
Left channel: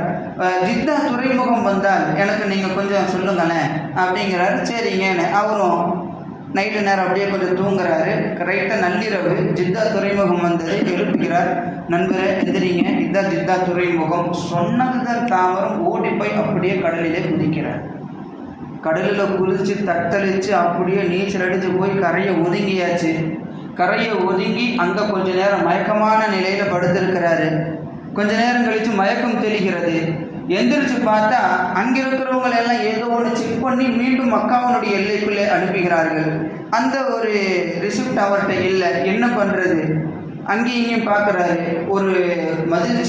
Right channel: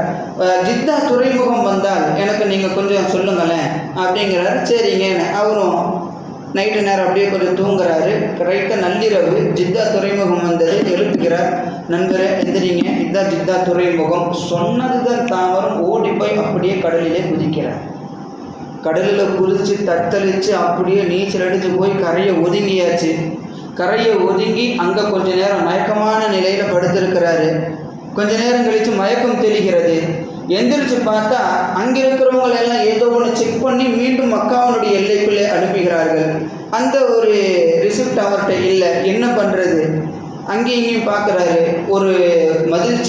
ஜித்தா துறைமுகம் வந்தால் எனக்கு நீங்கள் கொஞ்சம் சொல்லுங்களேன் அப்படிங்கிறாரு. சரிங்க. அவரும் நைட்டு நேரம் அப்படியே கொஞ்சம் தூங்குறாரு. கரெக்டாக நள்ளிரவு ஜித்தா துறைமுகம் வந்தது. எழுப்புகிறார், நண்பரே எந்திரிங்க, இதுதான் ஜித்தா துறைமுகம். சொன்னதுதான் தாவரம். ஓடி போய் அப்படியே கடலிலே குதிக்கிறார். கடலில் குதிச்சு தத்தளித்து அப்படியே நீச்சல் அடித்து போய் கரையை ஒதுங்கியாச்சு. கரையை ஒதுங்கி அங்கே கொஞ்ச நேரம் மயக்கமான நிலையில் படுத்திருக்கிறாரு. கொஞ்ச நேரம் கழித்து மயக்கம் தெளிகிறது. எந்திரிச்சு பார்த்தா அங்கே இருக்கிறவங்களெல்லாம் ஏதோ ஒன்று செக் பண்ணி மீண்டும் மக்காவினுடைய எல்லைக்குள்ளே அனுப்புகிறார்கள். அந்த ஒரு ரிசிப்ட் அவர்கிட்ட இல்லை. என்ன பண்ணுறது? அங்கேயும் இங்கேயும் பார்க்குறாரு. ஒரு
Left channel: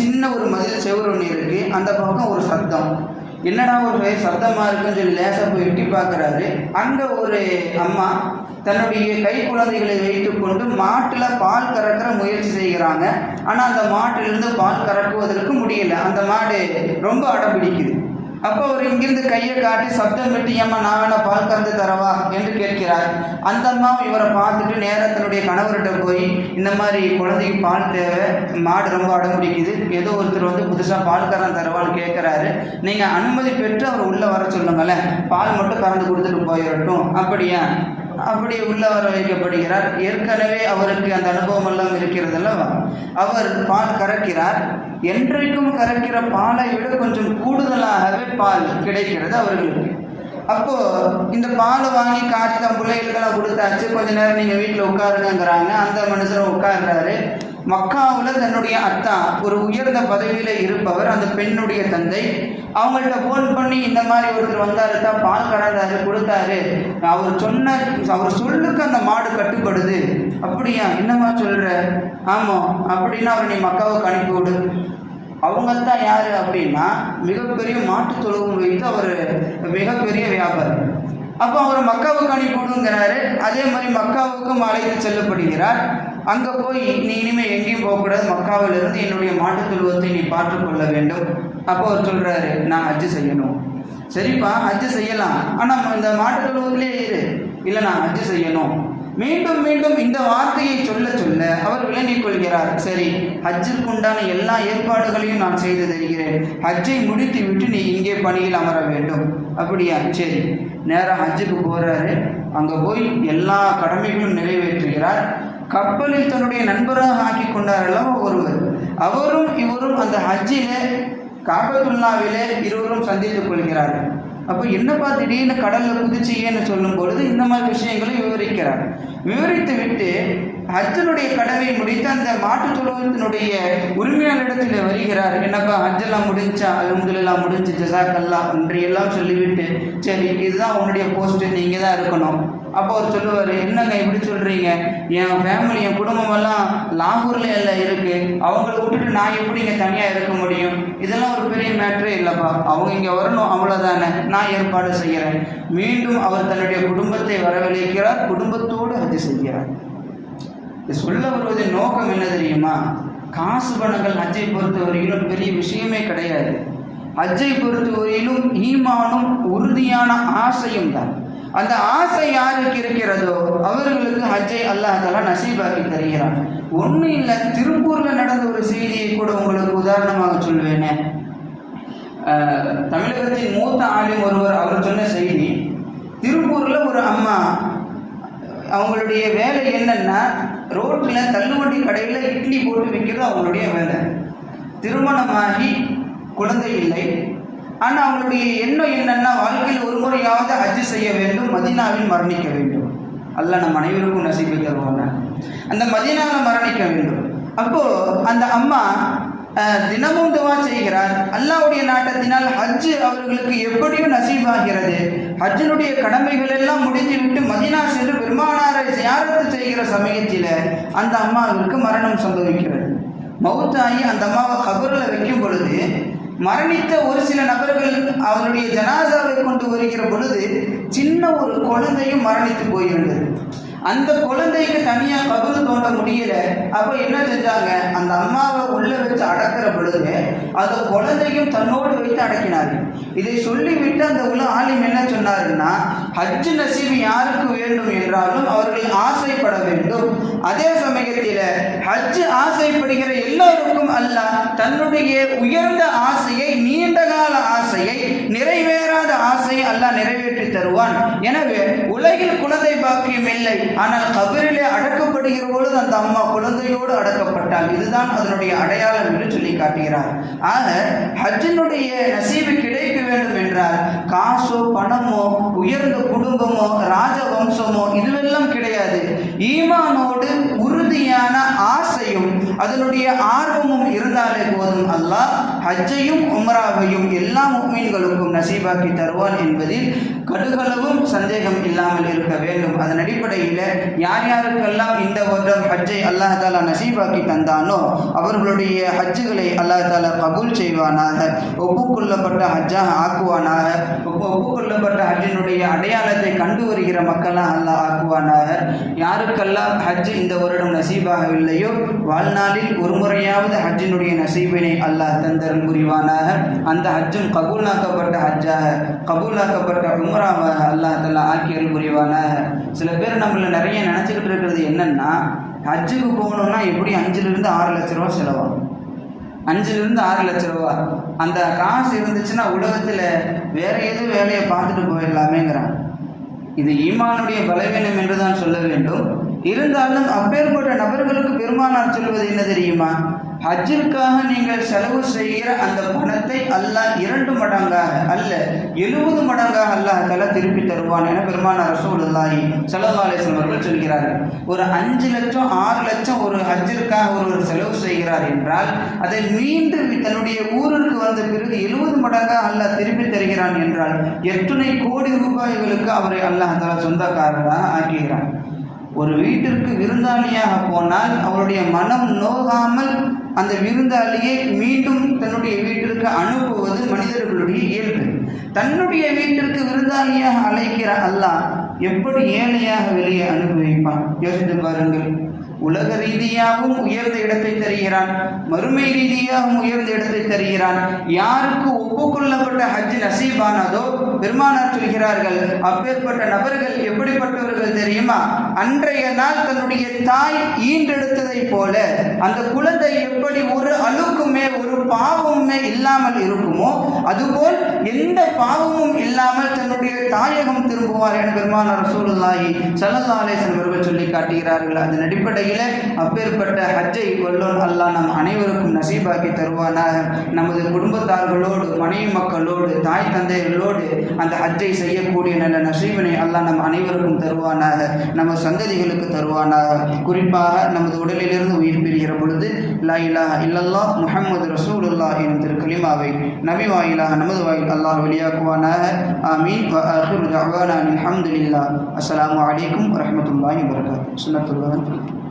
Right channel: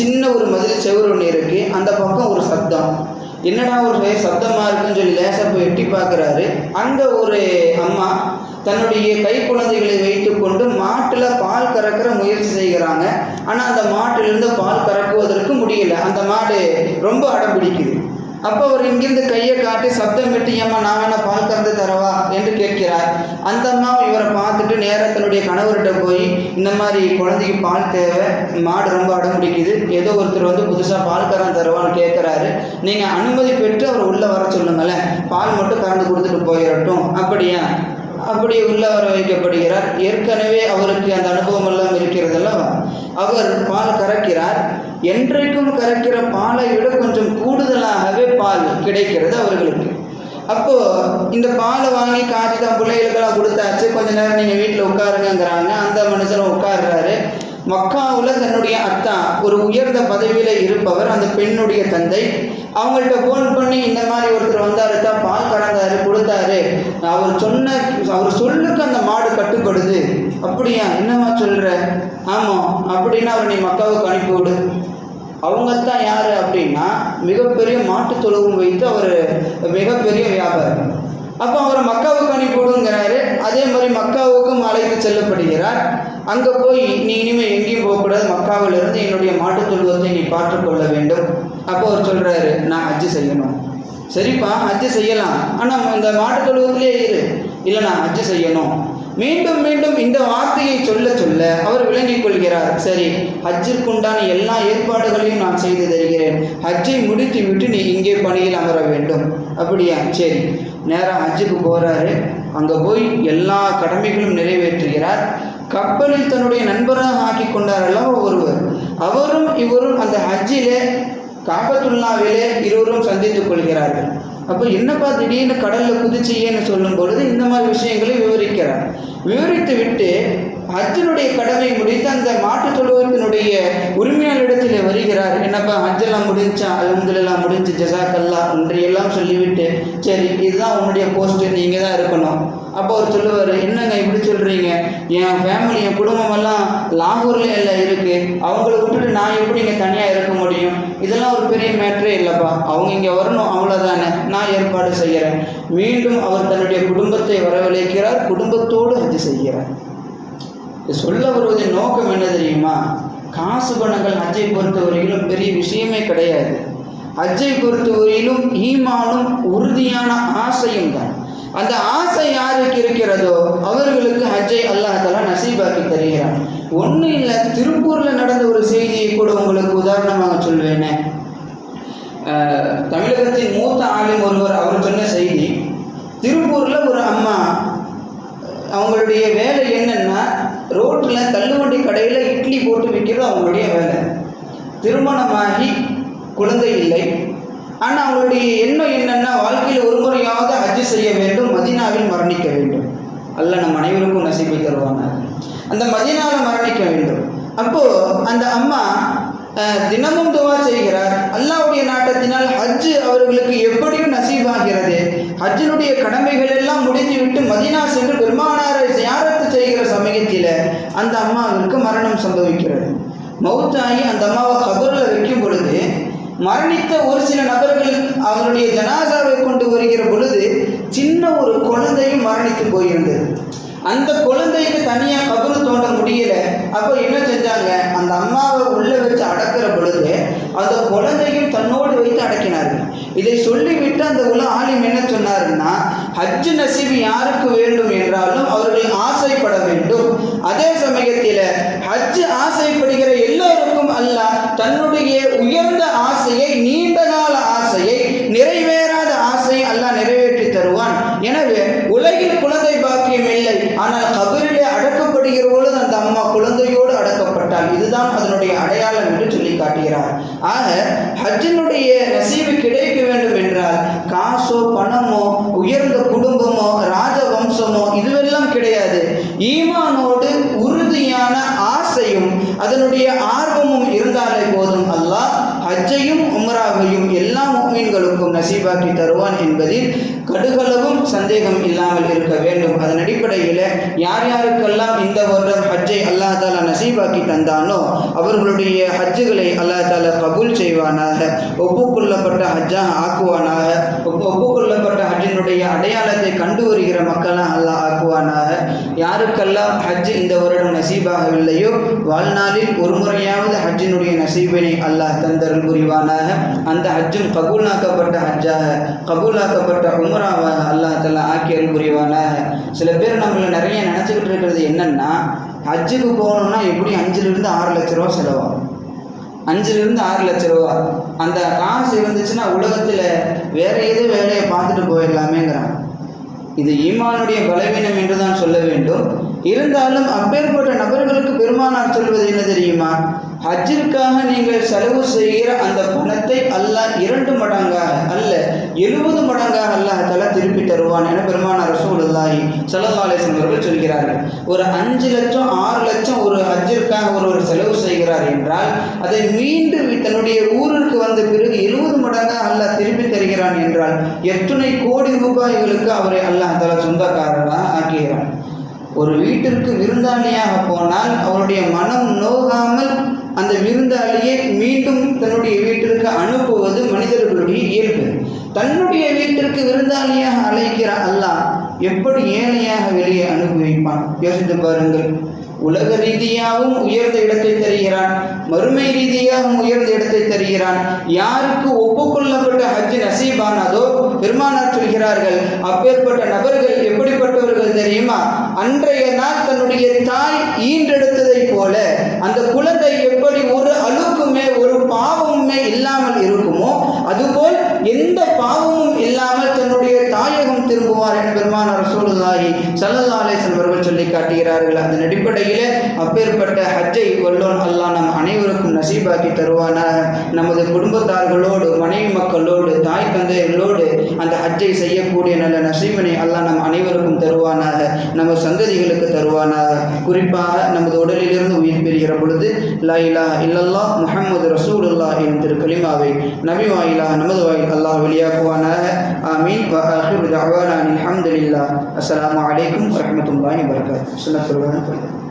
சின்ன ஒரு மதில் செவுறு ஒன்று இருக்குது. அந்த பக்கம் ஒரு சத்தம். என்னடா ஒரு சத்தமாக இருக்குன்னு சொல்லி லேசாக போய் எட்டி பார்க்குறாரு. அங்கே ஒரு அம்மா தன்னுடைய கை குழந்தைகளை வைத்து கொண்டு மாட்டில் பால் கறக்கிற முயற்சி செய்கிறாங்க. ஆனால் அந்த மாட்டிலிருந்து பால் கறக்குவதற்கு முடியல. அந்த மாடு ரொம்ப அடம் பிடிக்குது. அப்போ அவர் இங்கிருந்து கையை காட்டி சப்தம் விட்டு, ஏம்மா நான் வேணா பால் கறந்து தரவா என்று கேட்கிறார். அந்த அம்மா இவரை பார்த்துட்டு நேரத்தினுடைய கணவர்கிட்ட போய், இந்த மாதிரி குழந்தைக்கு பால் தேவை, மாடு ரொம்ப அடம் பிடிக்குது, ஏதோ ஒருத்தர் வந்து புதுசாக பால் கறந்து தருவான்னு கேட்குறாரு, நீங்கள் அனுமதி பெற்று அவர் உள்ளே வர சொல்லுங்களேன், பால் மட்டும் கறந்து கொடுத்துட்டு போயிடட்டும். அப்படியே உள்ள வர வைக்கப்படுகிறார். ஏற்கனவே அவருக்கு அந்த அனுபவம் எல்லாம் இருக்கிறதுல அவர் பால் கறக்கிறார். என்றைக்கும் கறக்கிற பாலை விட கொஞ்சம் கூடுதலாகவே பால் கிடைக்கிறது அவர்களுக்கு. அப்போ இந்த பாலை வாங்கி காய்ச்சி தான் பிள்ளைகளுக்கெல்லாம் கொடுத்தாச்சு. கொஞ்ச நேரம் நீங்கள் வீட்டில் உட்காருங்கிறாங்க. அந்த மனுஷனும் உட்கார்றாரு. மக்காவில் தன்னுடைய அத்தா ஒரு உயர்ந்த பதவியில் இருப்பவர், அந்த பெண்ணுடைய தந்தை, அவங்கள்ட்ட ஃபோன் பண்ணி இந்த மாதிரி ஒருத்தர் வந்தாரு தான், பால் கறந்தாரு, கொடுத்தாரு, அவர் சொல்லுக்கு அந்த மாடு கட்டுப்படுது. அப்படியா? என்னவா சொல்கிற? ஆமாம். அப்படின்னா அவர் நீ மக்காவுக்கு அனுப்பிவிடு. அவங்க தான் யார் அப்படின்னா மிகப்பெரிய மாட்டு தொழுவும் வைத்து அவர் மிகப்பெரிய வியாபாரம். அப்போ அவரை மக்காவுக்கு அனுப்பிவிடுங்கிறாரு. அதே மாதிரி மக்காவுக்கும் அழைத்து செல்லப்படுகிறார். அங்கே போய் நீ இனிமேல் எங்கேயும் போகக்கூடாது, மக்காவிலிருந்து என்னுடைய மாட்டு தொழுவத்தை நீ பார்த்துக்கொள்ள வேண்டும். அப்போ அவர் சொல்கிறாரு, நான் ஹஜ்ஜு செய்யணும். சரிப்பா, ஹஜ்ஜு செய்யலாம், ஆனால் இந்த மாட்டு தொழுவத்திலே இரு. இல்லை, நான் ஹஜ்ஜு செய்யணும். மீண்டும் மீண்டும் இந்த வார்த்தையை சொல்ல சொல்ல அவர் விளங்கிக் கொள்கிறார். சரி, ஹஜ்ஜிற்கு உண்டான எல்லா ஏற்பாடுகளையும் நான் செய்து தருகிறேன், ஹஜ்ஜை முடித்து விட்டு நீ இங்கே பணியில் அமர வேண்டும். அப்படியா, சரி. நேராக ஹஜ்ஜுக்கு போகிறாரு. அங்கே போய் எல்லா கடமைகளும் நிறைவேற்றுகிறார். கப்பலில் தன்னுடைய நண்பராக ஆக்கி கொண்டாரல்லவா ஒருவர், அவரும் இவரும் அந்த ஹஜ்ஜிலே காபத்துல்லாவிலே இருவரும் சந்தித்துக் கொள்கிறார்கள். அப்போ என்னப்பா திடீர்னு கடலில் குதிச்சியேன்னு சொல்லும் பொழுது இந்த மாதிரி விஷயங்களை விவரிக்கிறார். விவரித்து விட்டு ஹஜ்ஜனுடைய கடமை முடித்து அந்த மாட்டு தொழுவத்தினுடைய உரிமையாளரிடத்தில் வருகிறார். என்னப்பா ஹஜ்ஜெல்லாம் முடிஞ்சா? அல்ஹம்துலில்லாஹ் முடிஞ்சு, ஜஸாக்கல்லா ஒன்றையெல்லாம் சொல்லிவிட்டு, சரி இதுதான் உன்னுடைய போஸ்ட்டு, நீங்கள் தான் இருக்கணும். அப்போ அவர் சொல்லுவார், என்னங்க இப்படி சொல்கிறீங்க? என் ஃபேமிலி, என் குடும்பமெல்லாம் லாகூர்லேயே எல்லாம் இருக்குது, அவங்கள விட்டுட்டு நான் எப்படி இங்கே தனியாக இருக்க முடியும்? இதெல்லாம் ஒரு பெரிய மேட்ரே இல்லைப்பா, அவங்க இங்கே வரணும், அவ்வளோதானே, நான் ஏற்பாடு செய்கிறேன். மீண்டும் அவர் தன்னுடைய குடும்பத்தை வரவழைக்கிறார், குடும்பத்தோடு ஹஜ்ஜு செய்கிறார். சொல்ல வருவதின் நோக்கம் என்ன தெரியுமா? காசு பணங்கள் ஹஜ்ஜை பொறுத்தவரையிலும் பெரிய விஷயமே கிடையாது. ஹஜ்ஜை பொறுத்தவரையிலும் ஈமானும் உறுதியான ஆசையும் தான். அந்த ஆசை யாருக்கு இருக்கிறதோ அவர்களுக்கு ஹஜ்ஜை அல்லாஹ் தஆலா நசீபாக்கி தருகிறான். ஒன்றும் இல்லை, திருப்பூரில் நடந்த ஒரு செய்தியை கூட உங்களுக்கு உதாரணமாக சொல்வேனே. தமிழகத்தின் மூத்த ஆளும் ஒருவர், அவர் சொன்ன செய்தி, திருப்பூரில் ஒரு அம்மா, அவங்களுடைய வேலை என்னன்னா, ரோட்டில் தள்ளுவண்டி கடையில் இட்லி போட்டு விற்கிறது அவங்களுடைய வேலை. திருமணமாகி குழந்தை இல்லை. ஆனால் அவங்களுடைய எண்ணம் என்னன்னா, வாழ்க்கையில் ஒரு முறையாவது ஹஜ்ஜு செய்ய வேண்டும், மதீனாவில் மரணிக்க வேண்டும். அல்லாஹ் நம் அனைவருக்கும் நசீபை தருவாங்க. அந்த மதீனாவில் மரணிக்க வேண்டும். அப்போது அந்த அம்மா தினமும் துவா செய்கிறார். அல்லாஹ்வுடைய நாட்டத்தினால் ஹஜ்ஜு அவர்களுக்கு எப்படியும் நசீபாகிறது. ஹஜ்ஜினுடைய கடமைகள் எல்லாம் முடித்துவிட்டு மதீனா சென்று பெருமானாரை ஜியாரத்து செய்கிற சமயத்தில் அந்த அம்மாவிற்கு மரணம் சம்பவிக்கிறது. மௌத்தாகி அந்த அம்மாவை கபரில் வைக்கும் பொழுது மரணித்த ஒரு சில நபர்கள் அவருடைய ஜனாசாவை கொண்டு வருகிற பொழுது சின்ன ஒரு குழந்தையும் மரணித்து போயிருந்தது. அந்த குழந்தைக்கு தனியாக கபர் தோண்ட முடியல. அப்போ என்ன செஞ்சாங்க, அந்த அம்மாவை உள்ள வச்சு அடக்கிற பொழுது அந்த குழந்தையும் தன்னோடு வைத்து அடக்கினார்கள். இதை சொல்லிவிட்டு அந்த ஆலிம் என்ன சொன்னாருன்னா, ஹஜ்ஜு நசீபு யாருக்கு வேண்டும் என்றாலும் அவர்கள் ஆசைப்பட வேண்டும். அதே சமயத்தில் ஹஜ்ஜு ஆசைப்படுகிற எல்லோருக்கும் அல்லாஹ் தன்னுடைய உயர்ந்த ஆசையை, நீண்ட கால ஆசையை, நிறைவேறாத ஆசையை அல்லாஹ் நிறைவேற்றி தருவான். எனவே உலகில் குழந்தை பாக்கியம் இல்லை, ஆனால் கபரிலே அடக்கப்படுகிற பொழுது அந்த அம்மா குழந்தையோடு அடக்கப்பட்டால் இதுதான் அதனுடைய அடையாளம் என்று சொல்லி காட்டுகிறார். ஆக ஹஜ்ஜினுடைய நசீபு கிடைக்க வேண்டும் என்றால் காசோ பணமோ உயர்ந்த குடும்பமோ ராஜவம்சமோ இதுவெல்லாம் கிடையாது. ஈமானோடு உறுதியான ஆசையும் அதனுடைய ஆர்வமும் இருந்தாலே போதும், அல்லாஹ் ஹஜ்ஜையும் உம்ராவையும் எல்லா முஃமின்களுக்கும் நசீபாக்கி தருவான் என்பதில் கடுகளவும் சந்தேகம் இல்லாமல் இருக்க வேண்டும். அதன் அடிப்படையில் யார் யாருக்கெல்லாம் இந்த வருடம் ஹஜ்ஜை அல்லாஹ் தாலா நசீபாக்கி தந்தானோ அவர்களுடைய ஹஜ்ஜுகளை அல்லாஹ் தாலா கபூல் செய்வானாக, ஒப்புக்கொள்ளப்பட்ட ஹஜ்ஜாக ஆக்குவானாக, ஒப்புக்கொள்ளப்பட்ட ஹஜ்ஜினுடைய அடையாளத்தை கண்டு வருகிற மக்களாக அல்லாஹ் ஆக்குவானாக. யாருக்கெல்லாம் ஹஜ் இந்த வருடம் நசீபாகவில்லையோ வாழ்நாளில் ஒரு முறையாவது ஹஜ்ஜினுடைய நசீபினை அல்லாஹ் தந்தருள் புரிவானாக. அந்த ஹஜ்ஜும் கபூலாக்கப்பட்ட ஹஜ்ஜாக, கபூலாக்கப்பட்ட உம்ராவாக அல்லாஹ் தஆலா ஆக்கியருள் புரிவானாக. சில பேர் நம்மள நிறைய நினச்சிக்கிட்டு இருக்கிறது என்னன்னா, ஹஜ்ஜுக்கு போகணும்னா எப்படி 5லிருந்து 6 லட்ச ரூபா செலவாகும். 5லிருந்து 6 லட்ச ரூபா அந்த காசு இருந்துச்சுன்னா உலகத்தில் வேற எது வேலையை பார்த்துட்டு போயிடலாமேங்கிறான். இது ஈமானுடைய பலவீனம் என்று தான் சொல்ல வேண்டும். இருந்தாலும் அப்பேற்பட்ட நபர்களுக்கு பெருமானார் சொல்வது என்ன தெரியுமா, ஹஜ்ஜிற்காக நீங்கள் செலவு செய்கிற அந்த பணத்தை அல்லாஹ் 2 மடங்காக அல்ல 70 மடங்காக அல்லாஹ் தஆலா திருப்பி தருவான் என பெருமானார் ரசூலுல்லாஹி ஸல்லல்லாஹு அலைஹி வஸல்லம் அவர்கள் சொல்கிறார்கள். ஒரு 5 லட்சம் 6 லட்சம் ஒரு ஹஜ்ஜிற்காக ஒருவர் செலவு செய்கிறார் என்றால் அதை மீண்டும் தன்னுடைய ஊருக்கு வந்த பிறகு 70 மடங்காக அல்லாஹ் திருப்பி தருகிறான் என்றால் எத்தனை கோடி ரூபாய்களுக்கு அவரை அல்லாஹ் தஆலா சொந்தக்காரராக ஆக்குகிறான். ஒரு வீட்டிற்கு விருந்தாளியாக போனால் அவருடைய மனம் நோகாமல் அந்த விருந்தாளியை மீண்டும் தன்னுடைய வீட்டிற்கு அனுப்புவது மனிதர்கள் இயல்பு. தன்னுடைய வீட்டிற்கு விருந்தாளியாக அழைக்கிற அல்லாஹ் எப்படி ஏழையாக வெளியே அனுப்பி வைப்பான்? யோசித்து பாருங்கள். உலக ரீதியாகவும் உயர்ந்த இடத்தை தருகிறான், மறுமை ரீதியாகவும் உயர்ந்த இடத்தை தருகிறான். யாருக்கு ஒப்புக்கொள்ளப்பட்ட ஹஜ் நசீபானதோ பெருமானார் சொல்கிறார்கள், அப்பேற்பட்ட நபர்கள் எப்படிப்பட்டவர்கள் தெரியுமா? அன்றைய நாள் தன்னுடைய தாய் ஈன்றெடுத்ததை போல அந்த குழந்தை எப்படி ஒரு அழுக்குமே ஒரு பாவமுமே இல்லாமல் இருக்குமோ அதுபோல் எந்த பாவமும் இல்லாமல் தன்னுடைய தாயகம் திரும்புவார் என பெருமானார் ரசூலுல்லாஹி ஸல்லல்லாஹு அலைஹி வஸல்லம் அவர்கள் சொல்லி காட்டுகிறார்கள். அதன் அடிப்படையில் அப்பேற்பட்ட ஹஜ்ஜை வல்லோன் அல்லாஹ் நம் அனைவருக்கும் நசீபாக்கி தருவானாக. நமது குடும்பத்தார்களோடு, மனைவி மக்களோடு, தாய் தந்தையர்களோடு அந்த ஹஜ்ஜை செய்யக்கூடிய நல்ல நசீபினை அல்லாஹ் நம் அனைவருக்கும் தருவானாக, நம்ம சந்ததிகளுக்கு தருவானாக. குறிப்பாக நமது உடலிலிருந்து உயிர் பெறுகிற பொழுது லா இலாஹா இல்லல்லாஹ் முஹம்மது ரசூலுல்லாஹ் என்ற திருக்கலிமாவை நபி வாயிலாக நமது வாயில் அல்லாஹ் வெளியாக்குவானாக. ஆமீன். வ ஆகிரு தஅவானா அல்ஹம்துலில்லாஹ். அஸ்ஸலாமு அலைக்கும் வரஹ்மத்துல்லாஹி வபரகாத்துஹு. சுன்னத்துல்லாஹி